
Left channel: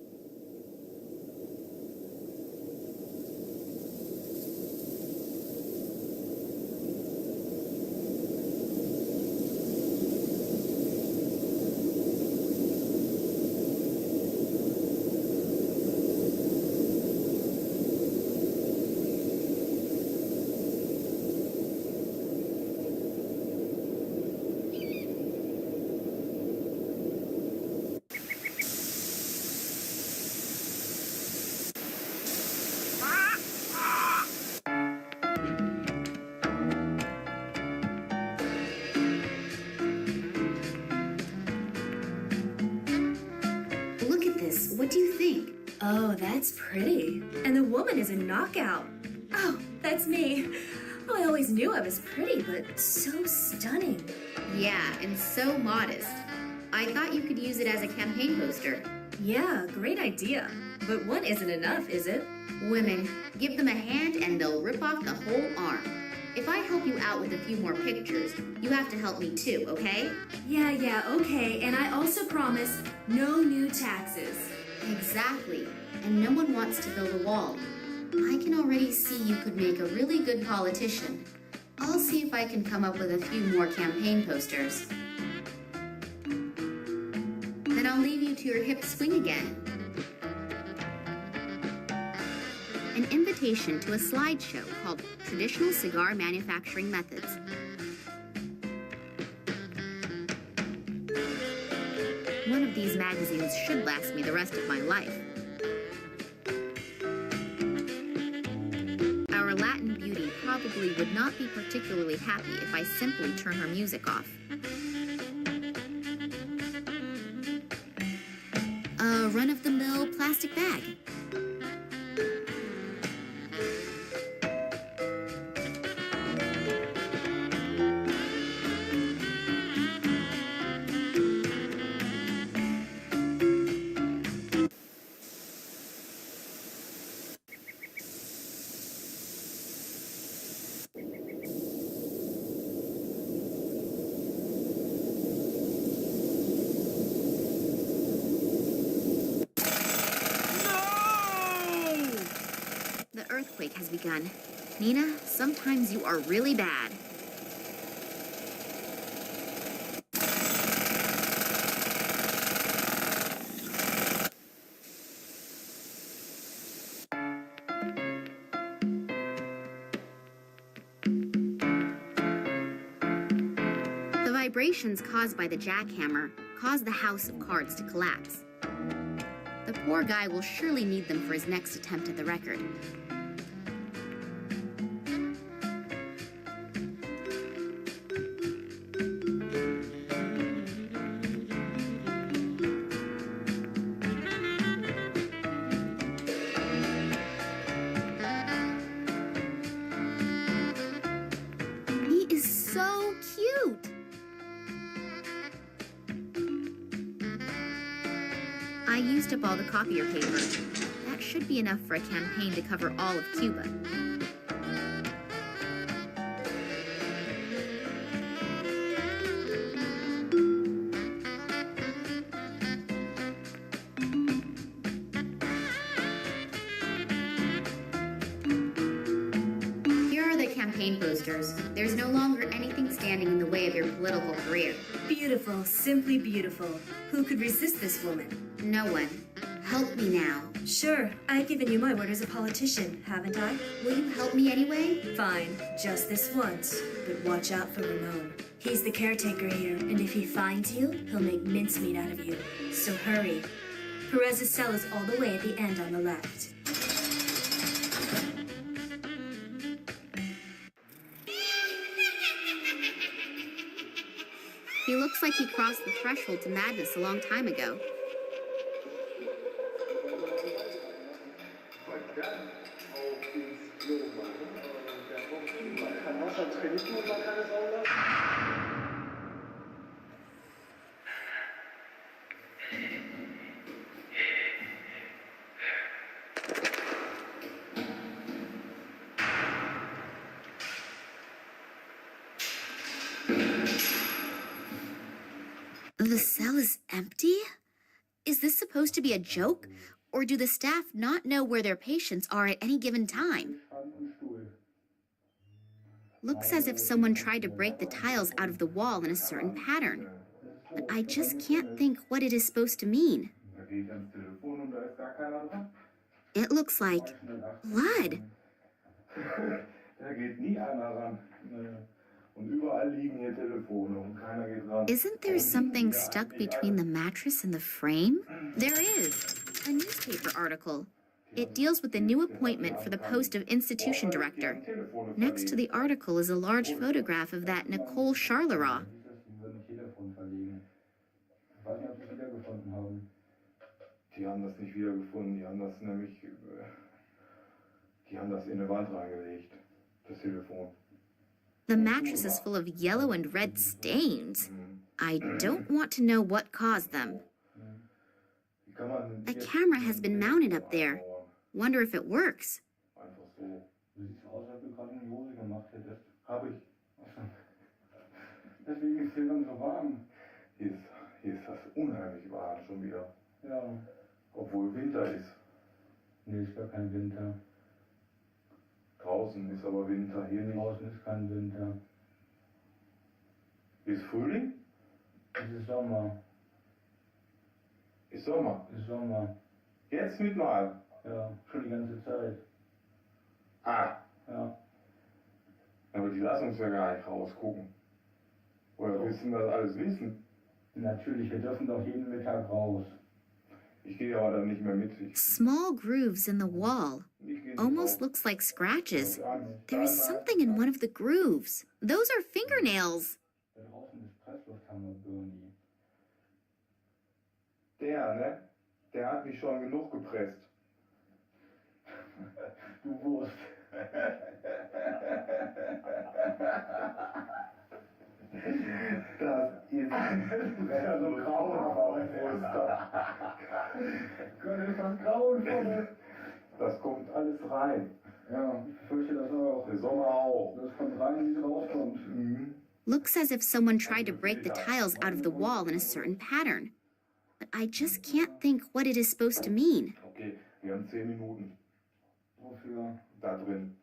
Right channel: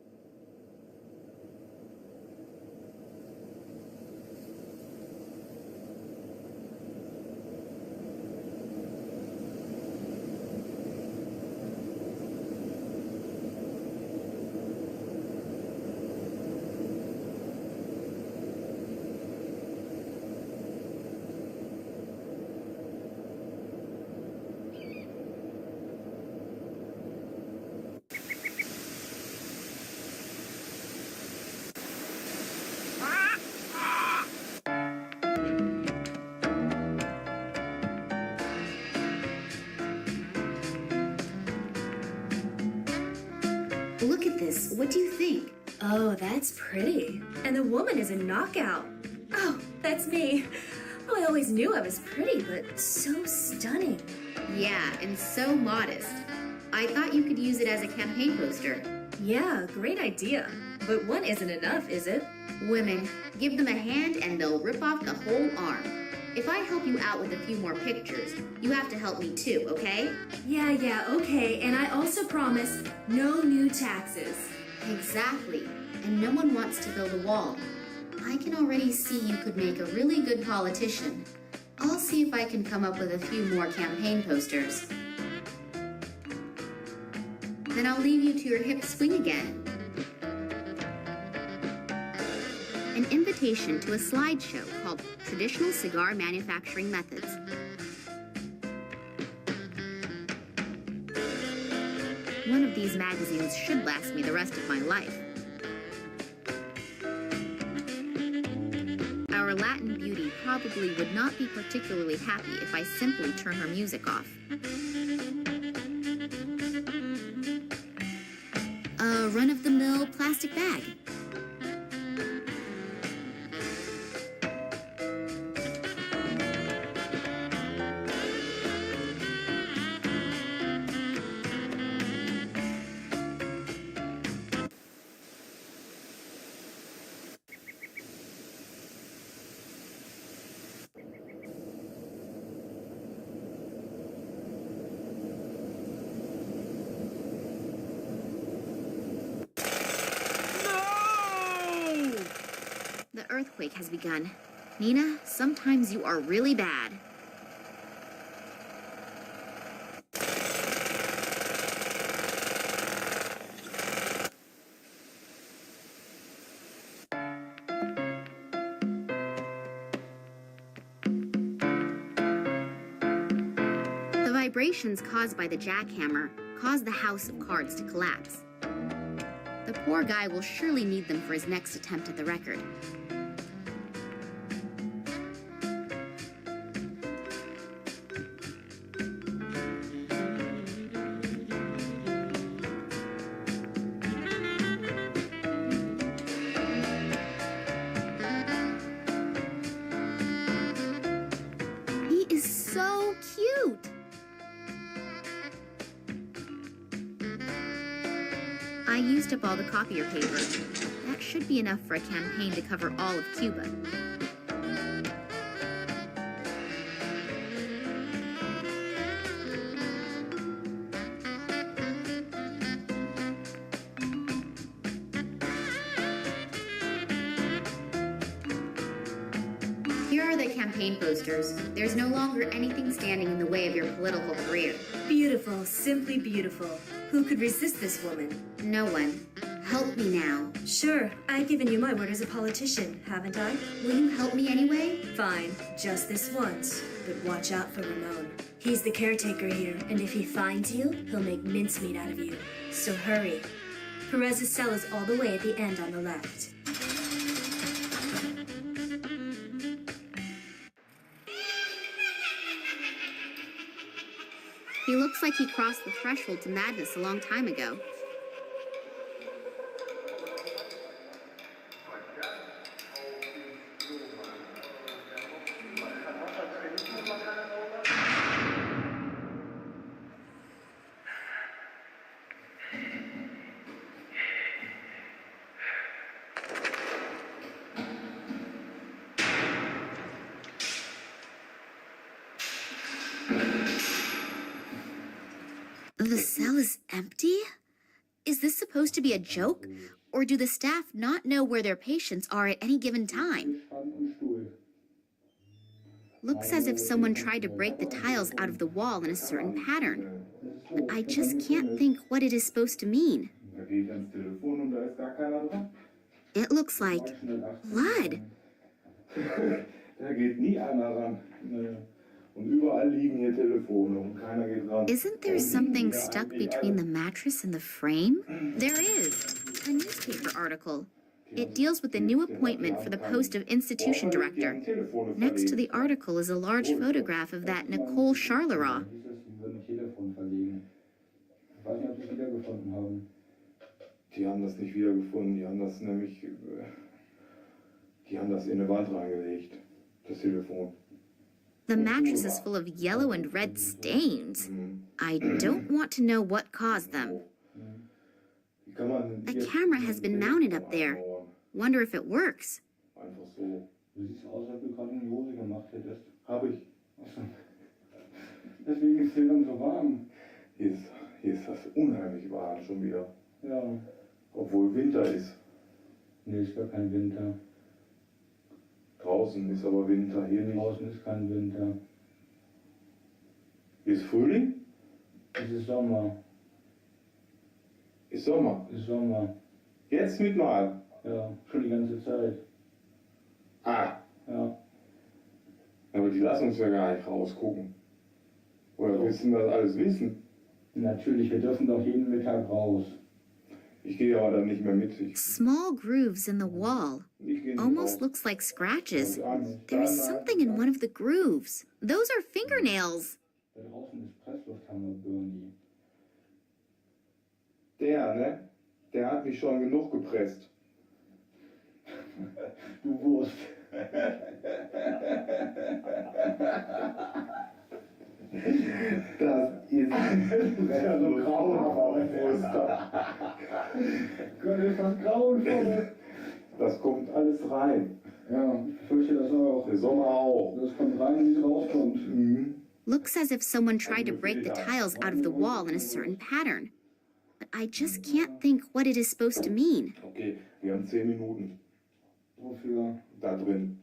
Look at this. What do you think? Oh, that's pretty. And the woman is a knockout. Oh, that's me. Oh, I always knew I was pretty, but so stunning. Yeah, and so modest. I thought you could use it as a campaign poster. Yeah, great idea. But one isn't enough, is it? Women, give them a hand and they'll rip off the whole arm. If I help you out with a few more pictures, you have to help me too, okay? Yeah, okay. And I also promise no new taxes. Exactly. And no one wants to build a wall. I can already see you could make a really good politician. I'll see if I can come up with a few more campaign posters. Then I'll leave you to your hip swing again. An invitation to a slideshow called Traditional Cigar Manufacturing Methods. One of these magazines should last me the rest of my life. Our Latin beauty probably would not be particularly happy if I simply turn her music off. A run-of-the-mill plastic bag. The earthquake has begun. Nina, sometimes you are really bad. The The vibrations caused by the jackhammer cause the house of cards to collapse. The poor guy will surely need them for his next attempt at the record. He is so cute! I used up all the copier paper. That should be enough for a campaign to cover all of Cuba. Here are the campaign posters. There's no longer anything standing in the way of your political career. Beautiful, simply beautiful. Who could resist this woman? No one. Help me now. Sure, I've given you my word as a politician, haven't I? Will you help me anyway? Fine, just this once. But watch out for Ramon. He's the caretaker here, and if he finds you, he'll make mincemeat out of you. So hurry. Perez's cell is all the way at the end on the left. He looks like he crossed the threshold to madness a long time ago. The cell is empty? Is this supposed to be a joke? Or do the staff not know where their patients are at any given time? Looks as if someone tried to break the tiles out of the wall in a certain pattern. But I just can't think what it is supposed to mean. It looks like blood. Isn't there something stuck between the mattress and the frame? There is. A newspaper article. It deals with the new appointment for the post of institution director. Next to the article is a large photograph of that Nicole Charleroi. Die haben das nicht wiedergefunden, die haben das in eine Wand reingelegt, das Telefon. The mattress is full of yellow and red stains. I don't want to know what caused them. A camera has been mounted up there. Wonder if it works. Einfach so. Du siehst aus, als du gerade eine Hose gemacht hättest. Hab ich. Deswegen ist hier dann so warm. Hier ist das unheimlich warm schon wieder. Ja. Obwohl Winter ist. Nee, ist gar kein Winter. Draußen ist aber Winter, hier nicht. Draußen ist kein Winter. Ist Frühling? Es ist Sommer. Ist Sommer? Ist Sommer. Jetzt mit mal? Ja, schon die ganze Zeit. Ah. Ja. Aber die lassen uns ja gar nicht rausgucken. Oder willst du das alles wissen? Natürlich, wir dürfen doch jeden Mittag raus. Ich gehe aber dann nicht mehr mit. Small grooves in the wall. Almost looks like scratches. There is something in one of the grooves. Those are fingernails. Da draußen ist Presslufthammer, Bernie. Der, ne? Der hat mich schon genug gepresst. Du Wurst. Das ist ja so grauenvoll. Gott, ist das grauenvoll. Das kommt alles rein. Ja, ich fürchte das auch. Der Sommer auch. Das kommt rein, wie es rauskommt. Mhm. Looks as if someone tried to break the tiles out of the wall in a certain pattern. But I just can't think what it is supposed to mean. Okay, wir haben 10 Minuten. Wofür? Da drin.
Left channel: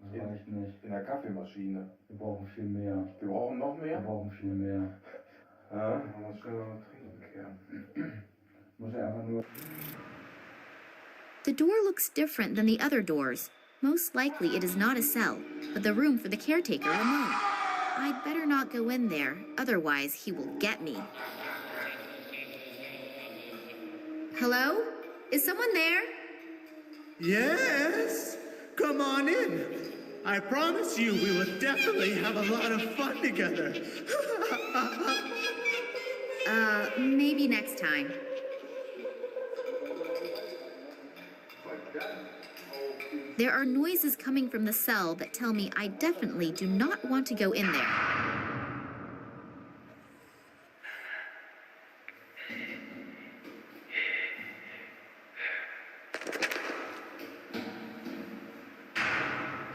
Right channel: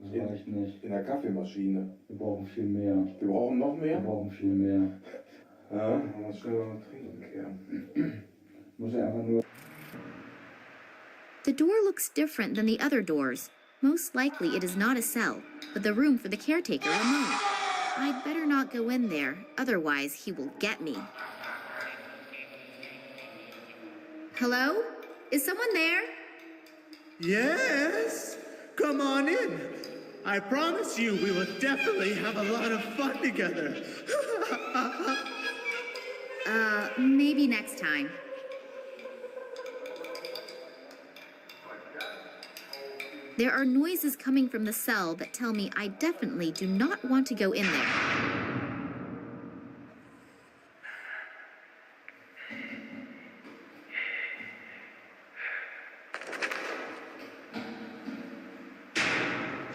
Das reicht nicht. In der Kaffeemaschine. Wir brauchen viel mehr. Wir brauchen noch mehr? Wir brauchen viel mehr. Ja, man muss schnell mal trinken kehren. Muss ja einfach nur... The door looks different than the other doors. Most likely it is not a cell, but the room for the caretaker, Ramon. I'd better not go in there, otherwise he will get me. Hello? Is someone there? Yes, come on in. I promise you we will definitely have a lot of fun together. Maybe next time. There are noises coming from the cell that tell me I definitely do not want to go in there.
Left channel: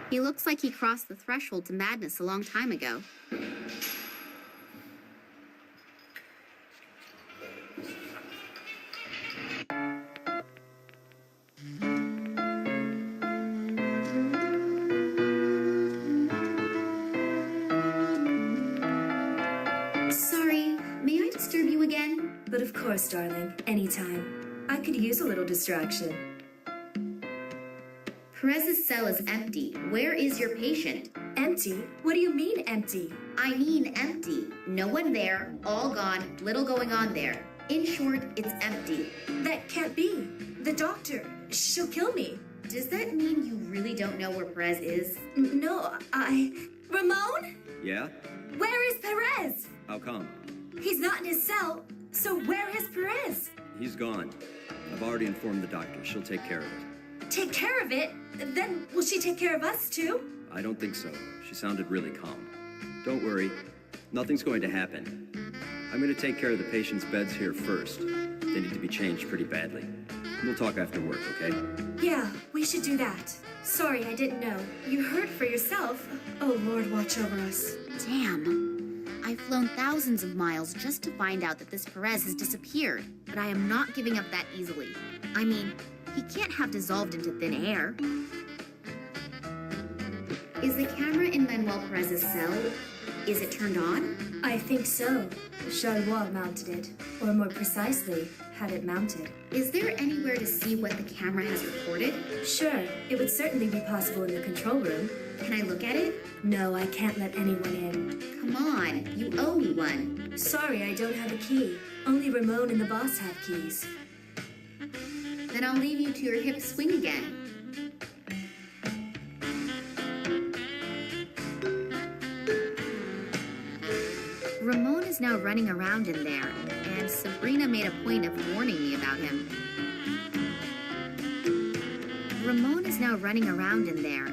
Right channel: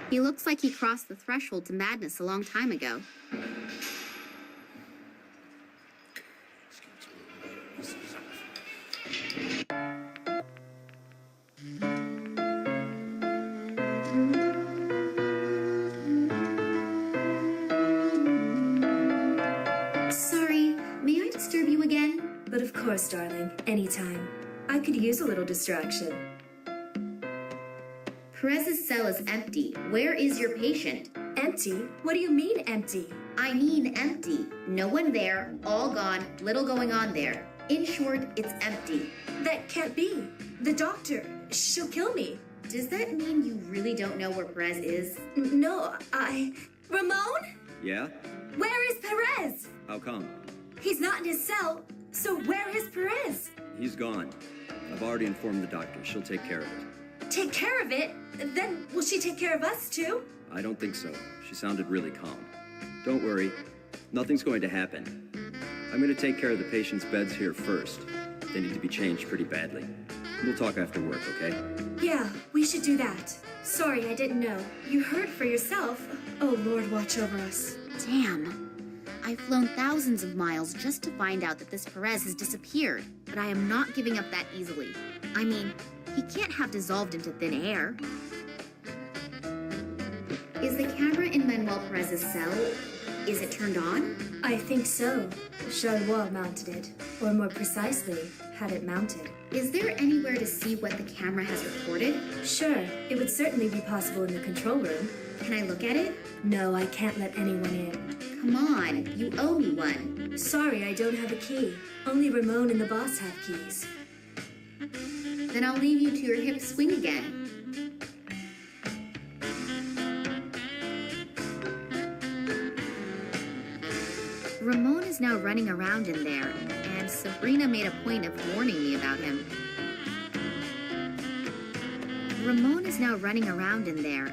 He looks like he crossed the threshold to madness a long time ago. Sorry, may I disturb you again? But of course, darling, anytime. I could use a little distraction. Perez's cell is empty. Where is your patient? Empty? What do you mean, empty? I mean empty. No one there, all gone, little going on there. In short, it's empty. That can't be. The doctor, she'll kill me. Does that mean you really don't know where Perez is? No, Ramon? Yeah? Where is Perez? How come? He's not in his cell, so where is Perez? He's gone. I've already informed the doctor. She'll take care of it. Take care of it? Then will she take care of us too? I don't think so. She sounded really calm. Don't worry. Nothing's going to happen. I'm going to take care of the patient's beds here first. They need to be changed pretty badly. We'll talk after work, okay? Yeah, we should do that. Sorry, I didn't know. You heard for yourself. Oh, Lord, watch over us. Damn. I've flown thousands of miles just to find out that this Perez has disappeared, but I am not giving up that easily. I mean, he can't have dissolved into thin air. Is the camera in Manuel Perez's cell, is it turned on? I think so. Charlois mounted it, or more precisely, had it mounted. Is there anywhere to see what the camera has recorded? Sure, it would certainly be possible in the control room. Can I look at it? No, I can't let anyone in. Come on, you owe me one. Sorry, I don't have a key. Only Ramon and the boss have keys. Then I'll leave you to your hip swing again. Ramon is now running around in there, and Sabrina made a point of warning me about him. Ramon is now running around in there.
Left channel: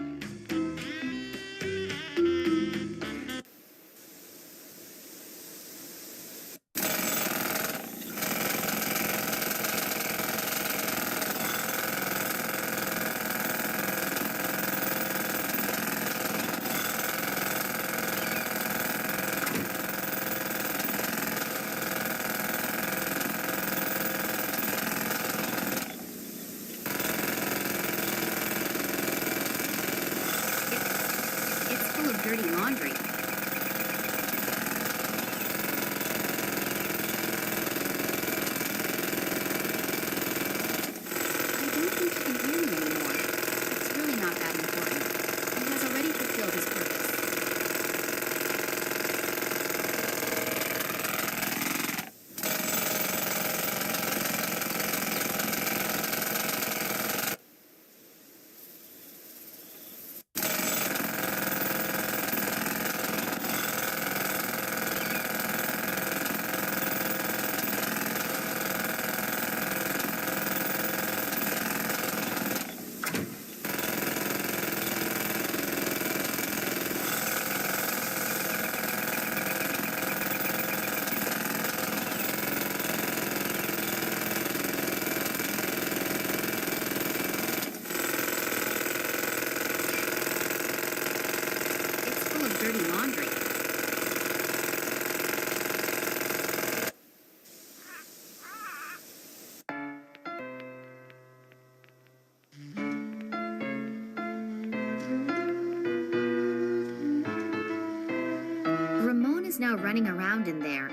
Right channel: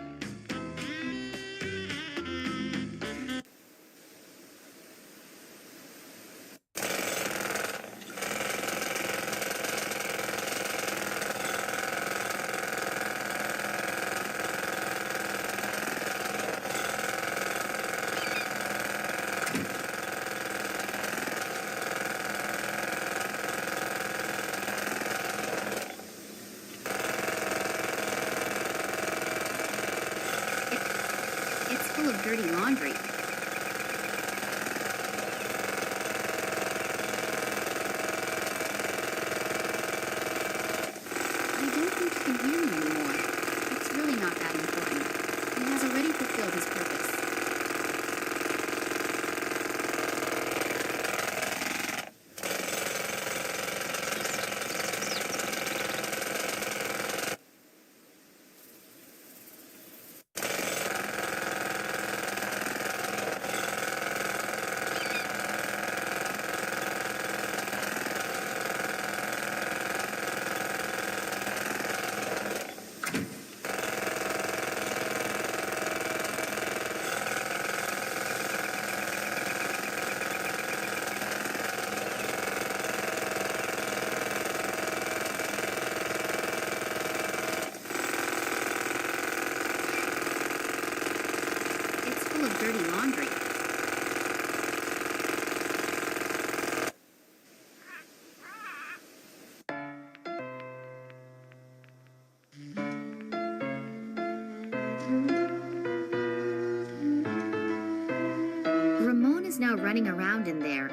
It's full of dirty laundry. I don't think he can hear me anymore. It's really not that important. He has already fulfilled his purpose. It's full of dirty laundry. Ramon is now running around in there.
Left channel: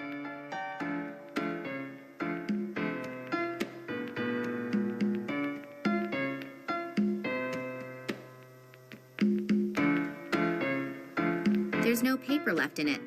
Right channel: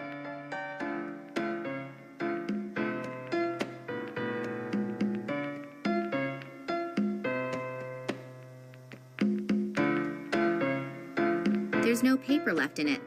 There's no paper left in it.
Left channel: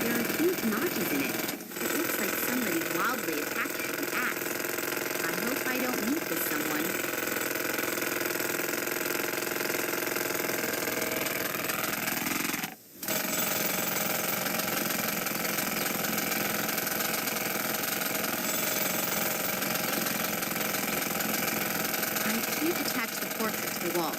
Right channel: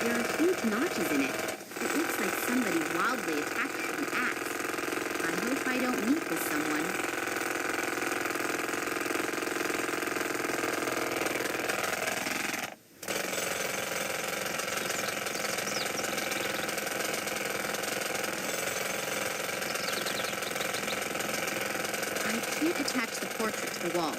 There are huge notches in it. It looks like somebody wildly attacked it with an axe. I hope I don't meet this someone. I can't attach the portrait to the wall.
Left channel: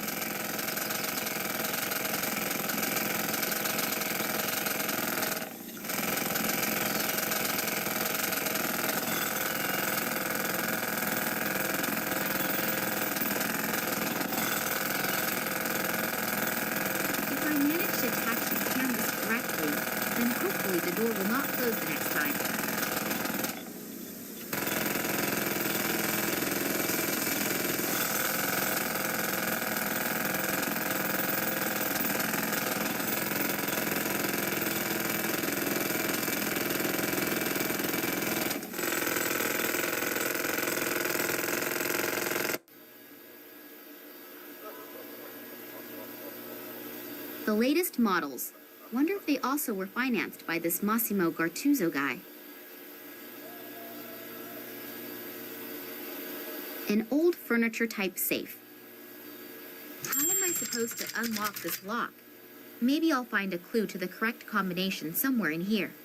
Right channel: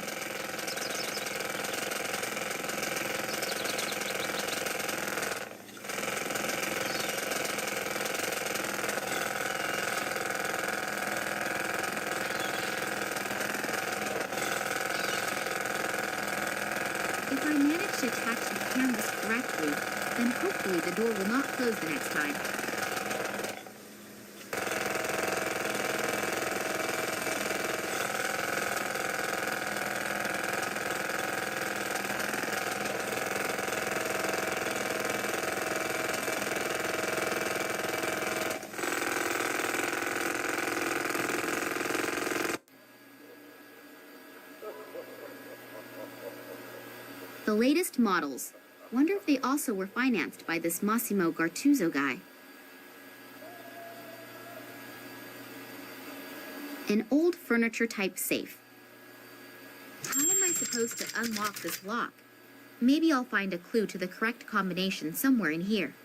If I manage to attach the canvas correctly, then hopefully the door will not close the next time. The latest models. Wonder if they also were financed by this Massimo Gartuzzo guy. An old furniture-type safe. How am I supposed to unlock this lock? Maybe I'll find a clue to the correct combination somewhere in here.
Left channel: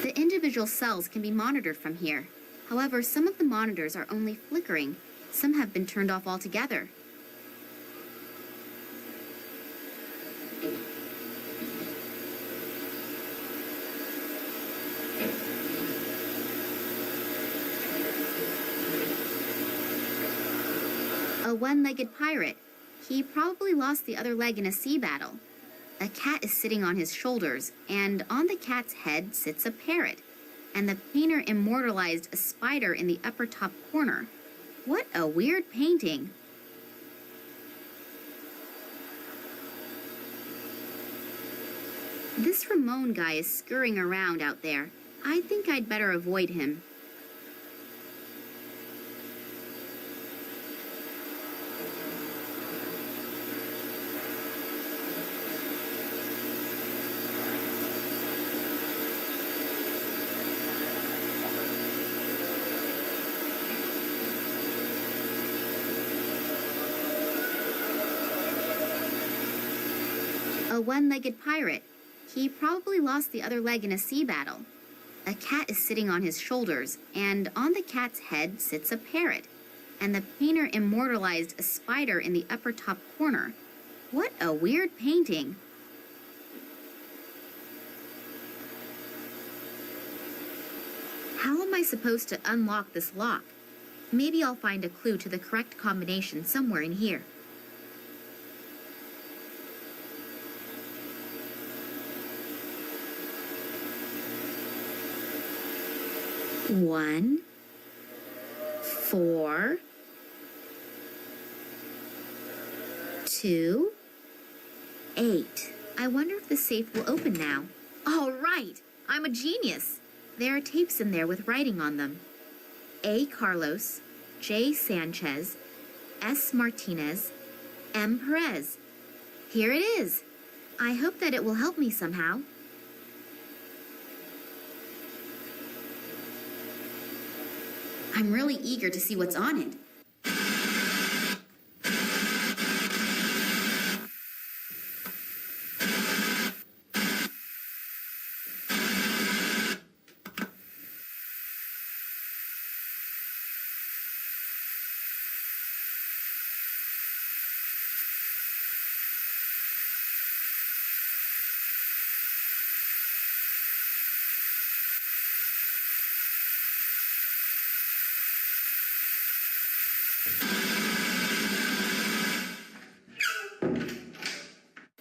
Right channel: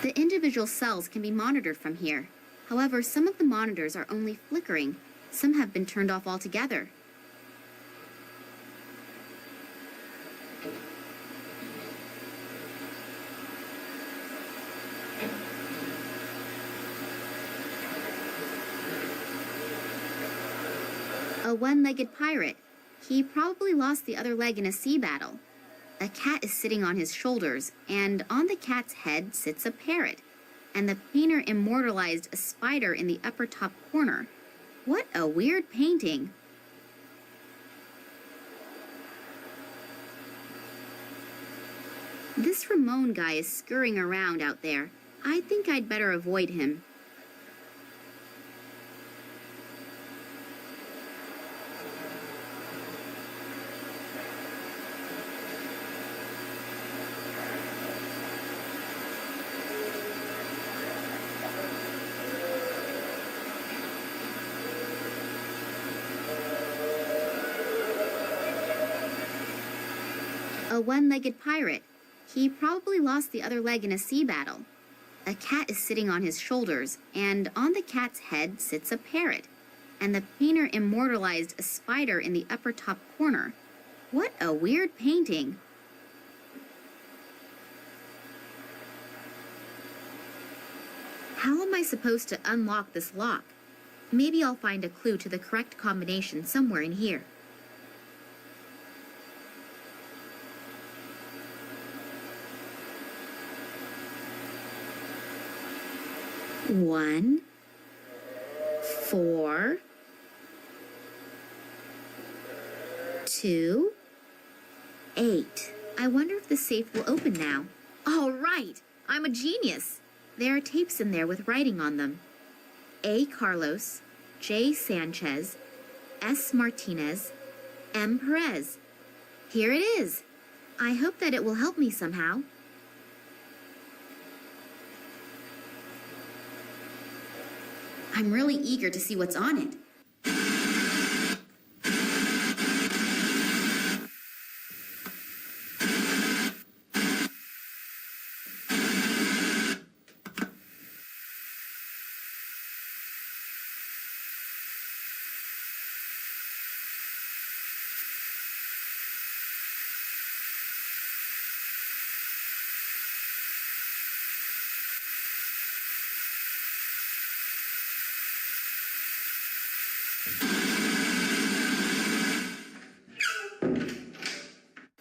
The individual cells can be monitored from here. However, some of the monitors are only flickering. Some have been turned off altogether. A one-legged pirate. He probably lost the other leg in a sea battle. A cat is sitting on his shoulders, and on the cat's head sits a parrot. And the painter immortalized a spider in the upper top corner. What a weird painting. This Ramon guy is scurrying around out there. I think I'd better avoid him. A one-legged pirate. He probably lost the other leg in a sea battle. A cat is sitting on his shoulders, and on the cat's head sits a parrot. And the painter immortalized a spider in the upper top corner. What a weird painting. How am I supposed to unlock this lock? Maybe I'll find a clue to the correct combination somewhere in here. One, 4, 2, 8. I wonder if the safe will open now. All right, I'm a genius. There are tapes in there with writing on them. A. Carlos, J. Sanchez, S. Martinez, M. Perez. Here it is. I hope that it will help me somehow. I'm really eager to see what's on it.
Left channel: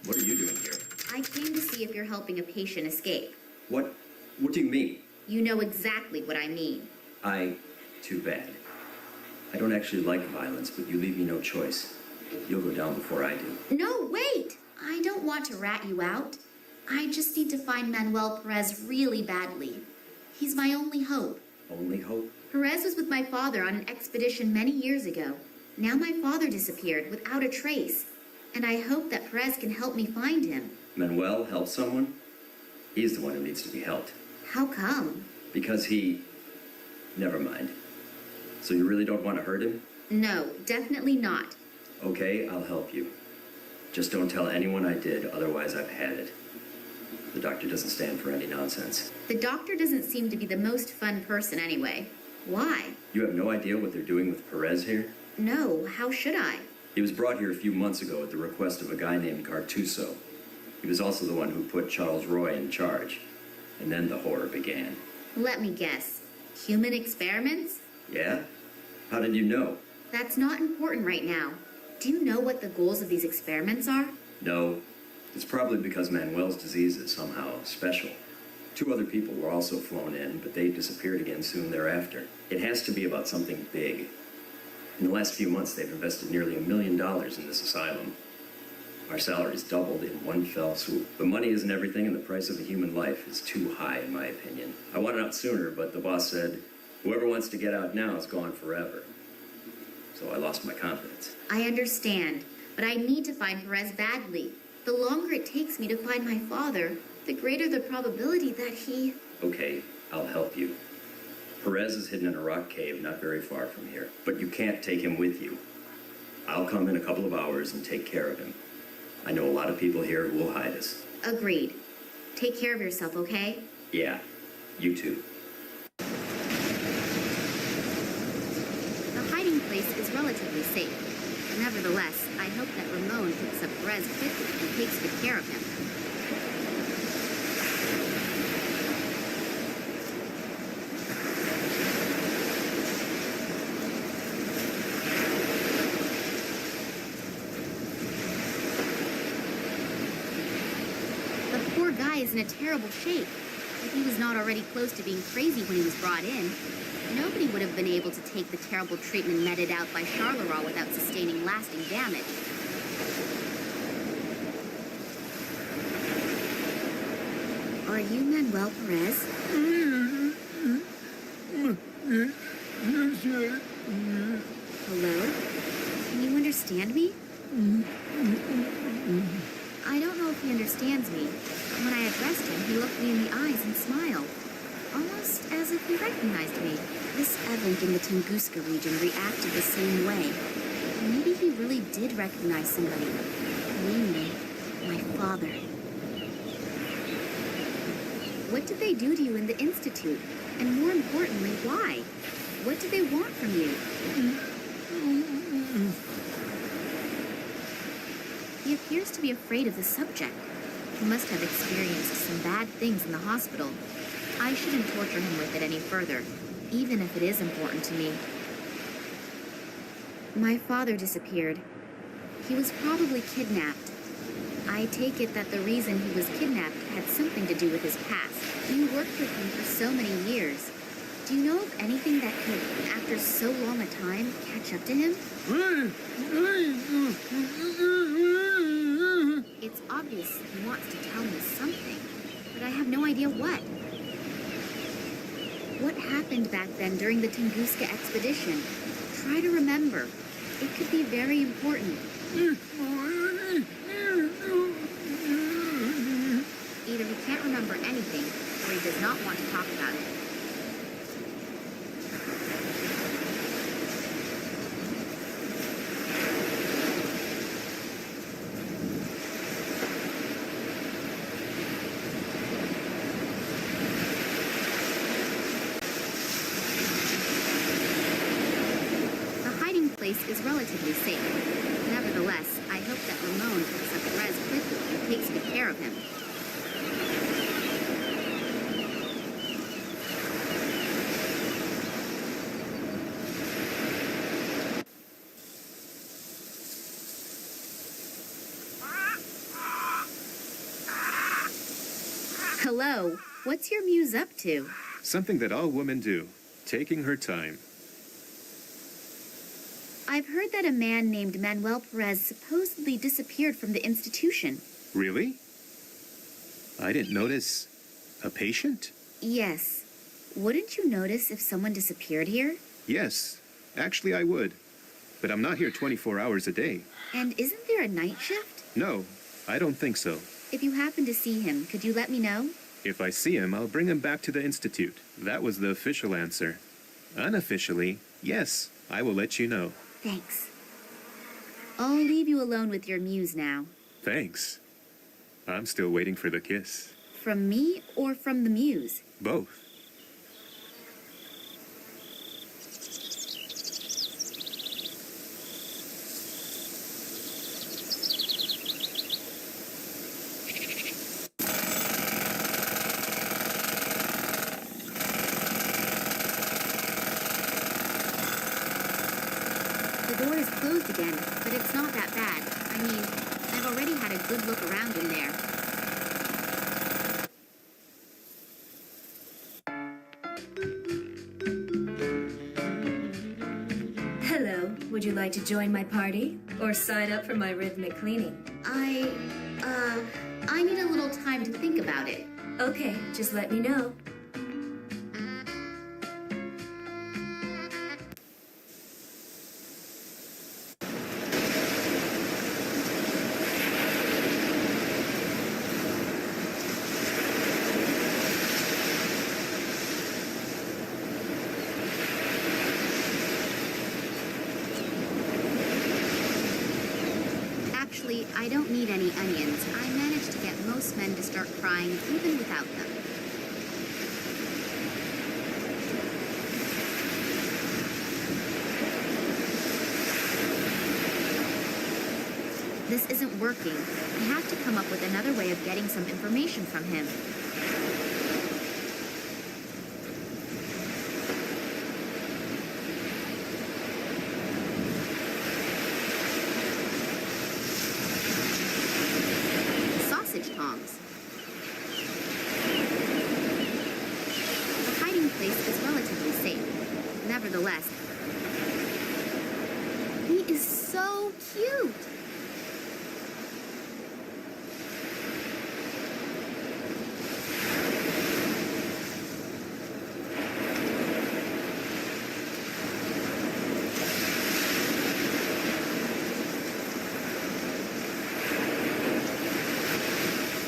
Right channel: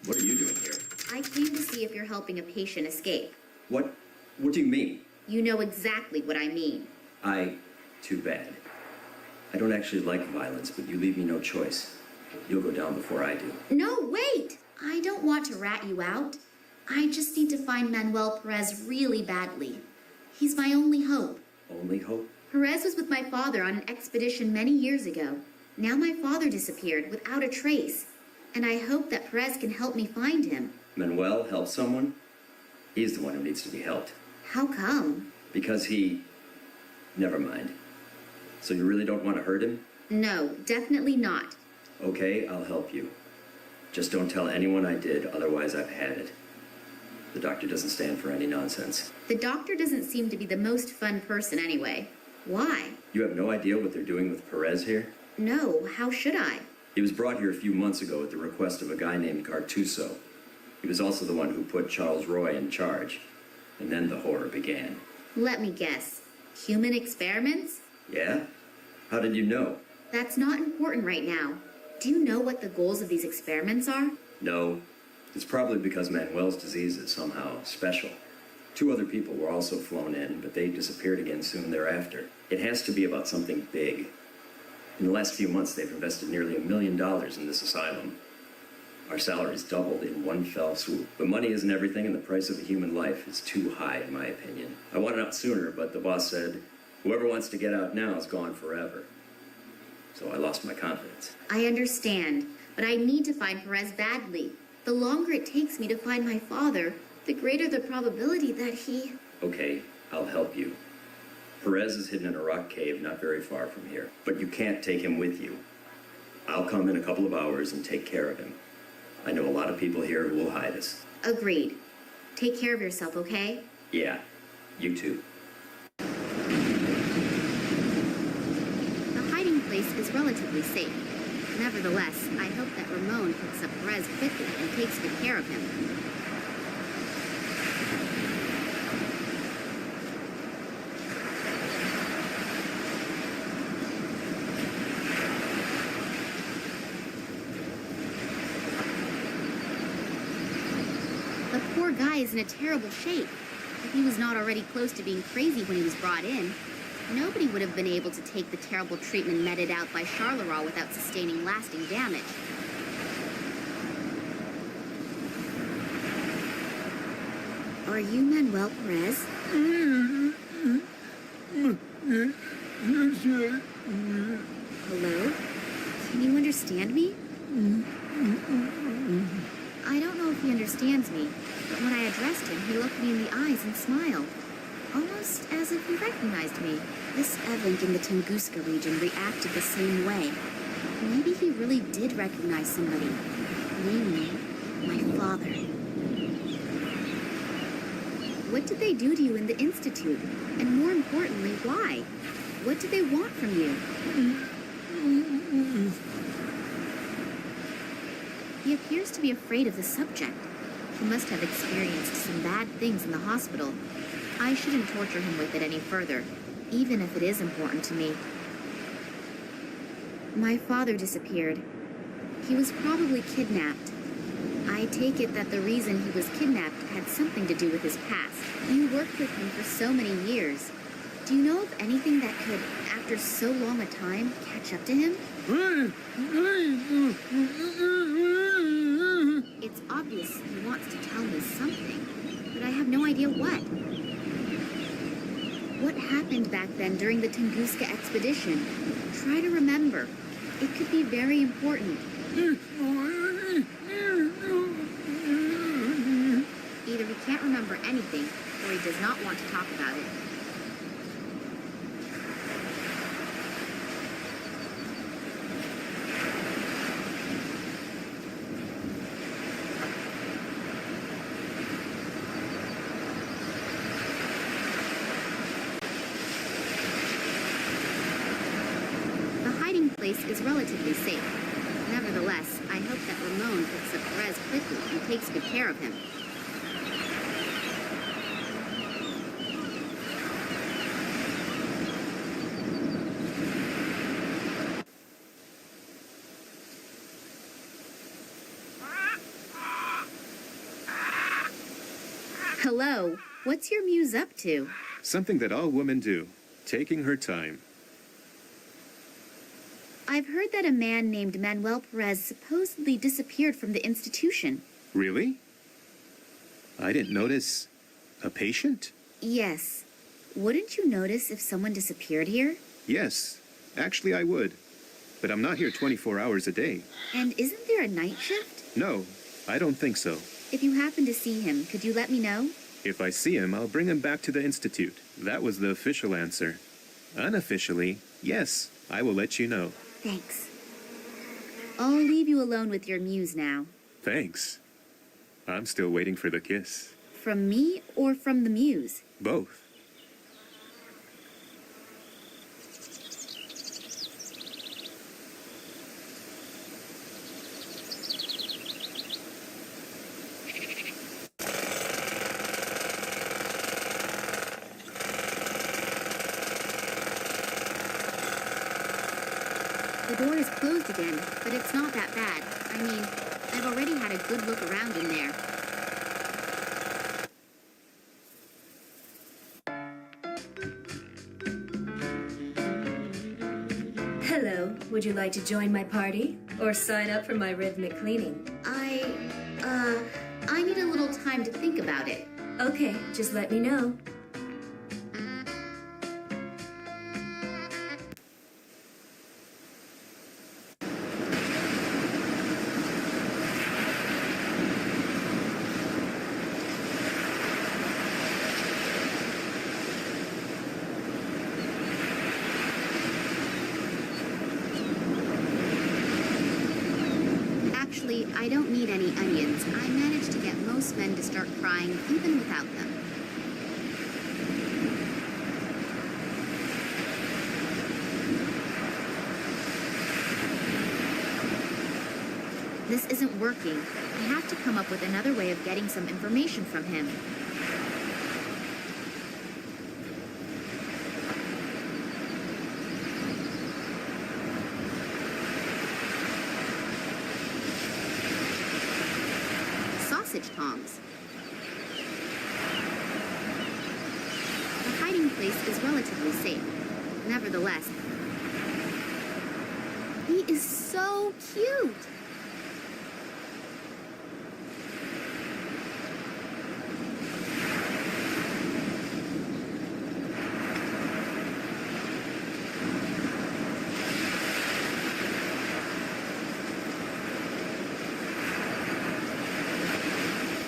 What are you doing here? I came to see if you're helping a patient escape. What do you mean? You know exactly what I mean. Too bad. I don't actually like violence, but you leave me no choice. You'll go down before I do. No, wait! I don't want to rat you out. I just need to find Manuel Perez really badly. He's my only hope. Only hope? Perez was with my father on an expedition many years ago. Now my father disappeared without a trace, and I hope that Perez can help me find him. Manuel help someone? He's the one who needs to be helped. How come? Because he... Never mind. So you really don't want to hurt him? No, definitely not. Okay, I'll help you. Just don't tell anyone I did, otherwise I've had it. The doctor doesn't stand for any nonsense. The doctor doesn't seem to be the most fun person anyway. Why? You have no idea what they're doing with Perez here? No, how should I? He was brought here a few months ago at the request of a guy named Cartuso. He was also the one who put Charles Roy in charge. And then the horror began. Let me guess. Human experiments? Yeah? How did you know? That's not important right now. Do you know what the goals of these experiments are? No. It's probably because Manuel's disease is somehow special. 2 other people were also flown in, but they disappeared again soon thereafter. It has to be about something big. In the last few months, they've invested nearly $1 million in this asylum. Our salaries doubled in one fell swoop. But money isn't everything, and the price of a human life is too high, in my opinion. I wanted out sooner, but the boss said, whoever wants to get out now is gone forever. So I lost my confidence. I understand, but I need to find Perez badly. The longer it takes me to find my father, the greater the probability that he... Okay, I'll help you. Perez is hidden in a rock cave not very far from here, but you can't take him with you. I'll come in a couple of hours and take care of him. I know a lot of people here who will hide us. Agreed. Take care of yourself, okay? Yeah, you too. The hiding place is relatively safe. Nevertheless, I hope that Ramon picks up Perez quickly and takes good care of him. The poor guy is in a terrible shape. If he was not already close to being crazy when he was brought in, nobody would have been able to take the terrible treatment meted out by Charleroi without sustaining lasting damage. Are you Manuel Perez? Hello? Can you understand me? I don't know if he understands me, but when I addressed him, he looked me in the eyes and smiled, almost as if he recognized me. This Event in the Tunguska region reacted the same way. Maybe he really did recognize somebody, namely, my father. What did they do to you in the Institute? And more importantly, why? What did they want from you? He appears to be afraid of the subject. He must have experienced some bad things in the hospital. I shouldn't torture him with it any further, even if it is important to me. My father disappeared. He was probably kidnapped. I take it that the reason he was kidnapped had something to do with his past. You worked with him for so many years. Do you know of anything that could, after so long a time, catch up to him? It's obvious he wants to tell me something, but I have no idea what. What happened back then during the Tunguska expedition? Try to remember. It could be very important. Either he can't remember anything, or he does not want to talk about it. hiding place is relatively safe. Nevertheless, I hope that Ramon picks up Perez quickly and takes good care of him. Hello, what's your muse up to? Something that all women do, taking her time. I've heard that a man named Manuel Perez supposedly disappeared from the institution. Really? I didn't notice. A patient? Yes. Wouldn't you notice if someone disappeared here? Yes, actually I would. But I'm not here 24 hours a day. And isn't there a night shift? No, I don't think so. If you happen to see him, could you let me know? If I see him, I'll bring him back to the Institute. That was the official answer. Unofficially, yes, I will let you know. Thanks. I'll leave you alone with your muse now. Thanks. I'm still waiting for the kiss. From me or from the muse? Both. The door is closed again, but it's not that bad. I mean, I've already had a good look around in there. Hello, would you like to join my party? Or sign up for my rhythmic cleaning? I need a little time to think about it. Okay, just let me know. Actually, I don't need any onions. I managed to get most men to start crying even without them. This isn't working. I have to come up with another way of getting some information from him. Sausage tongs. The hiding place is relatively safe. Nevertheless, he is so cute.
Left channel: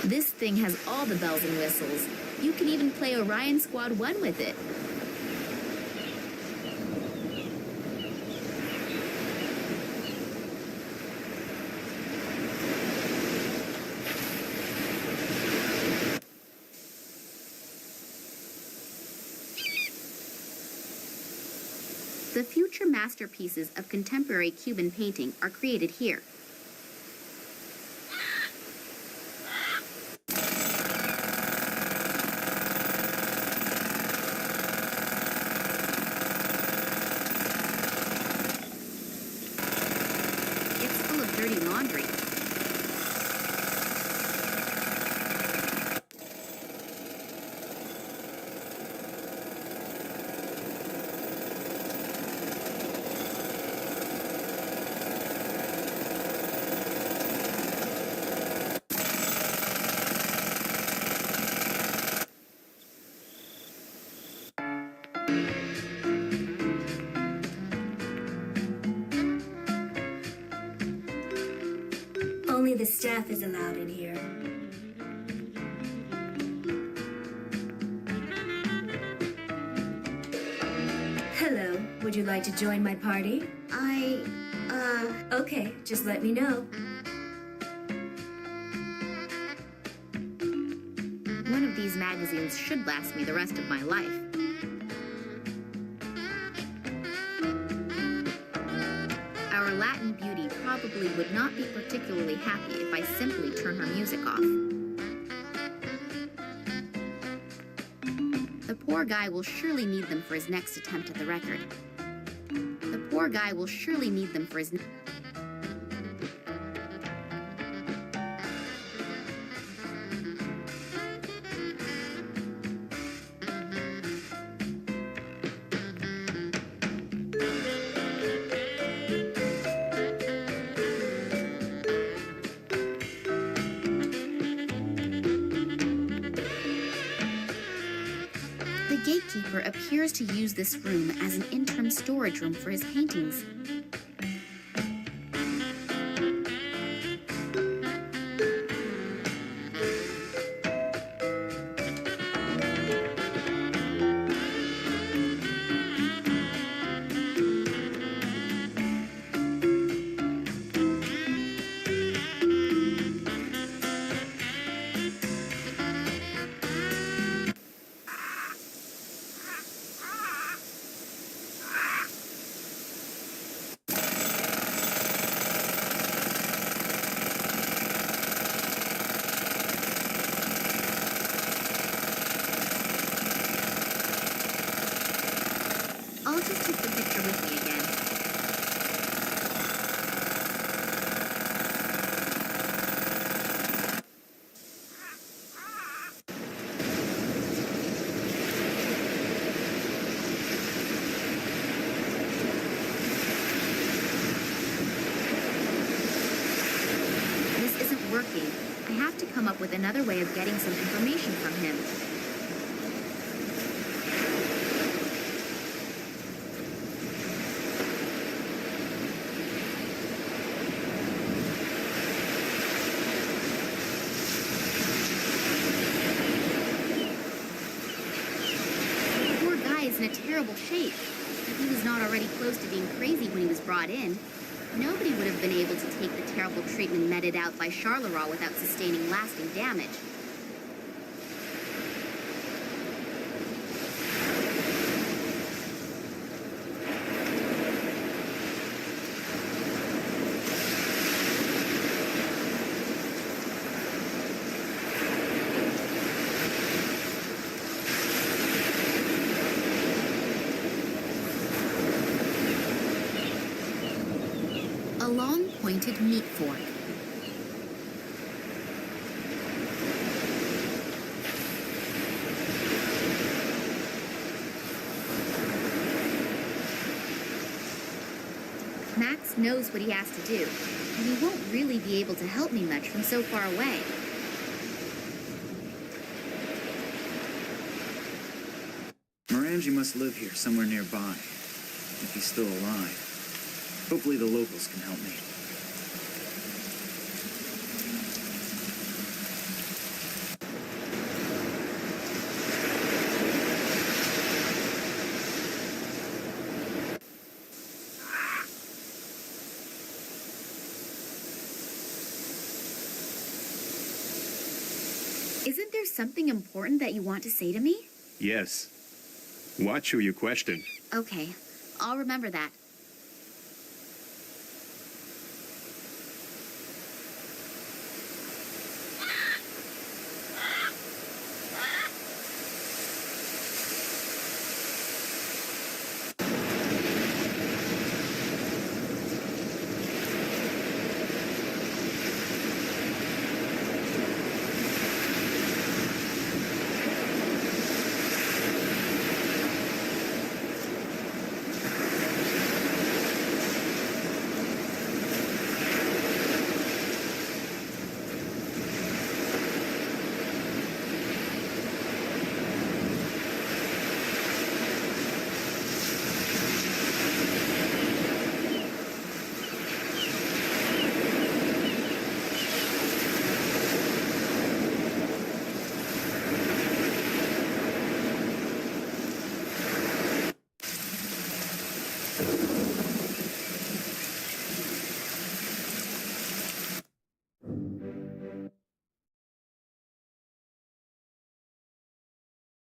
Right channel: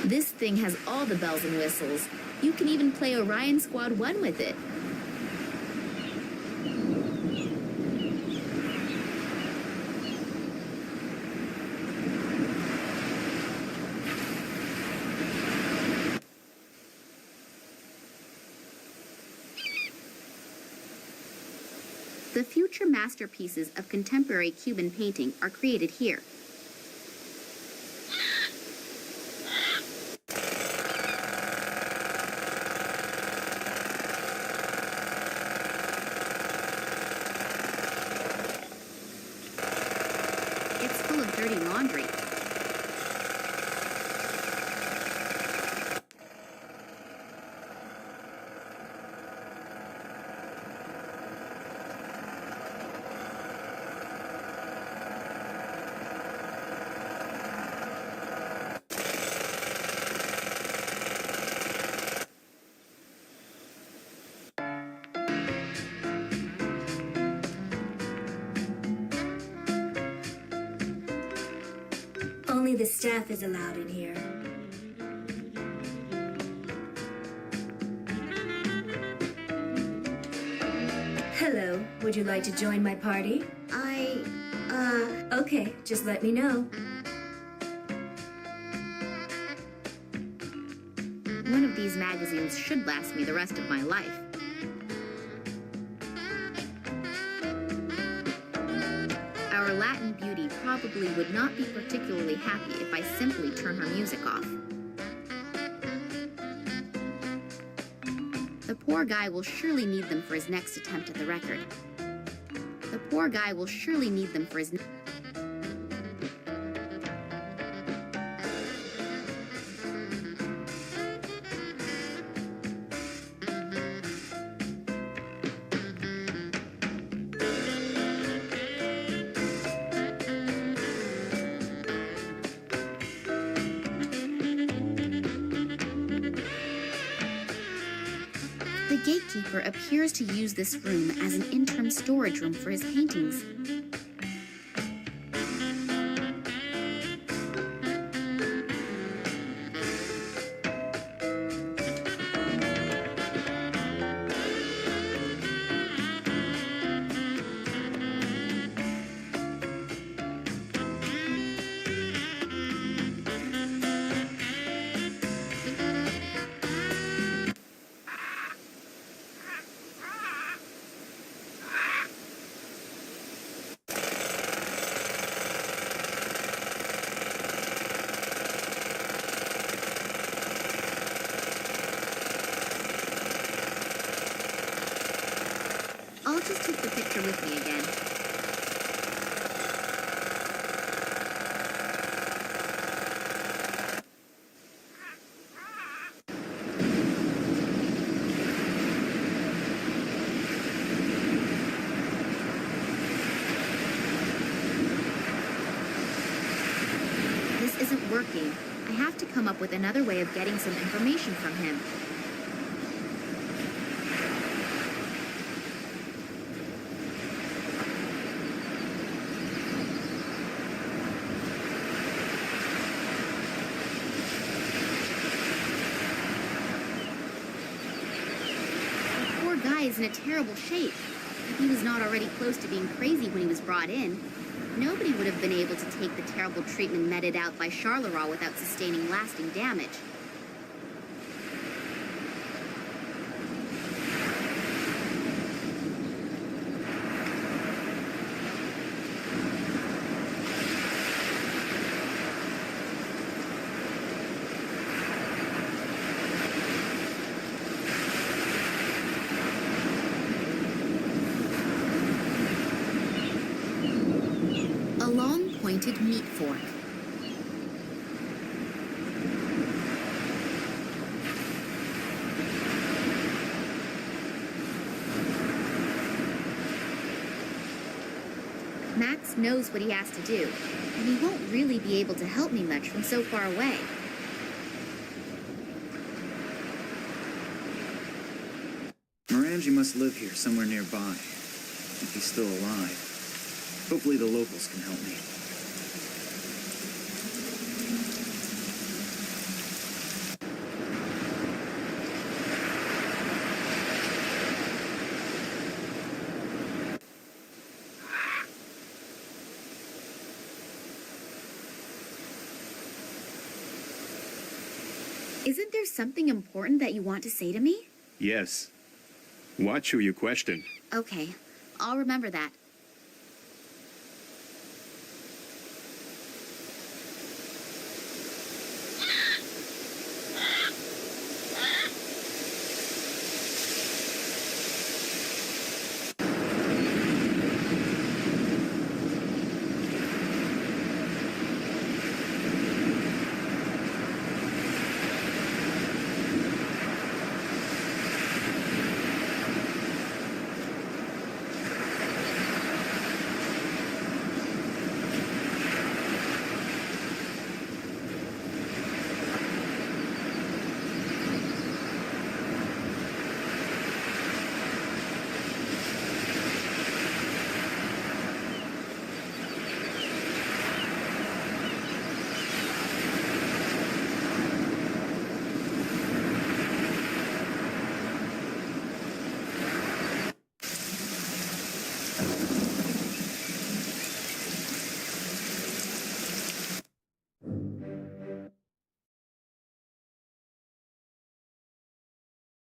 This thing has all the bells and whistles. You can even play Orion Squad 1 with it. The future masterpieces of contemporary Cuban painting are created here. It's full of dirty laundry. Only the staff is allowed in here. Hello, would you like to join my party? Okay, just let me know. One of these magazines should last me the rest of my life. Our Latin beauty probably would not be particularly happy if I simply turn her music off. The poor guy will surely need them for his next attempt at the record. The poor guy will surely need them for his... The gatekeeper appears to use this room as an interim storage room for his paintings. I'll just take the picture with me again. This isn't working. I have to come up with another way of getting some information from him. Guy is in a terrible shape. If he was not already close to being crazy when he was brought in, nobody would have been able to take the terrible treatment meted out by Charleroi without sustaining lasting damage. A long pointed meat fork. Max knows what he has to do, and he won't really be able to help me much from so far away. Morangi must live here somewhere nearby, if he's still alive. Hopefully the locals can help me. Isn't there something important that you want to say to me? Yes. Watch who you question. Okay, I'll remember that.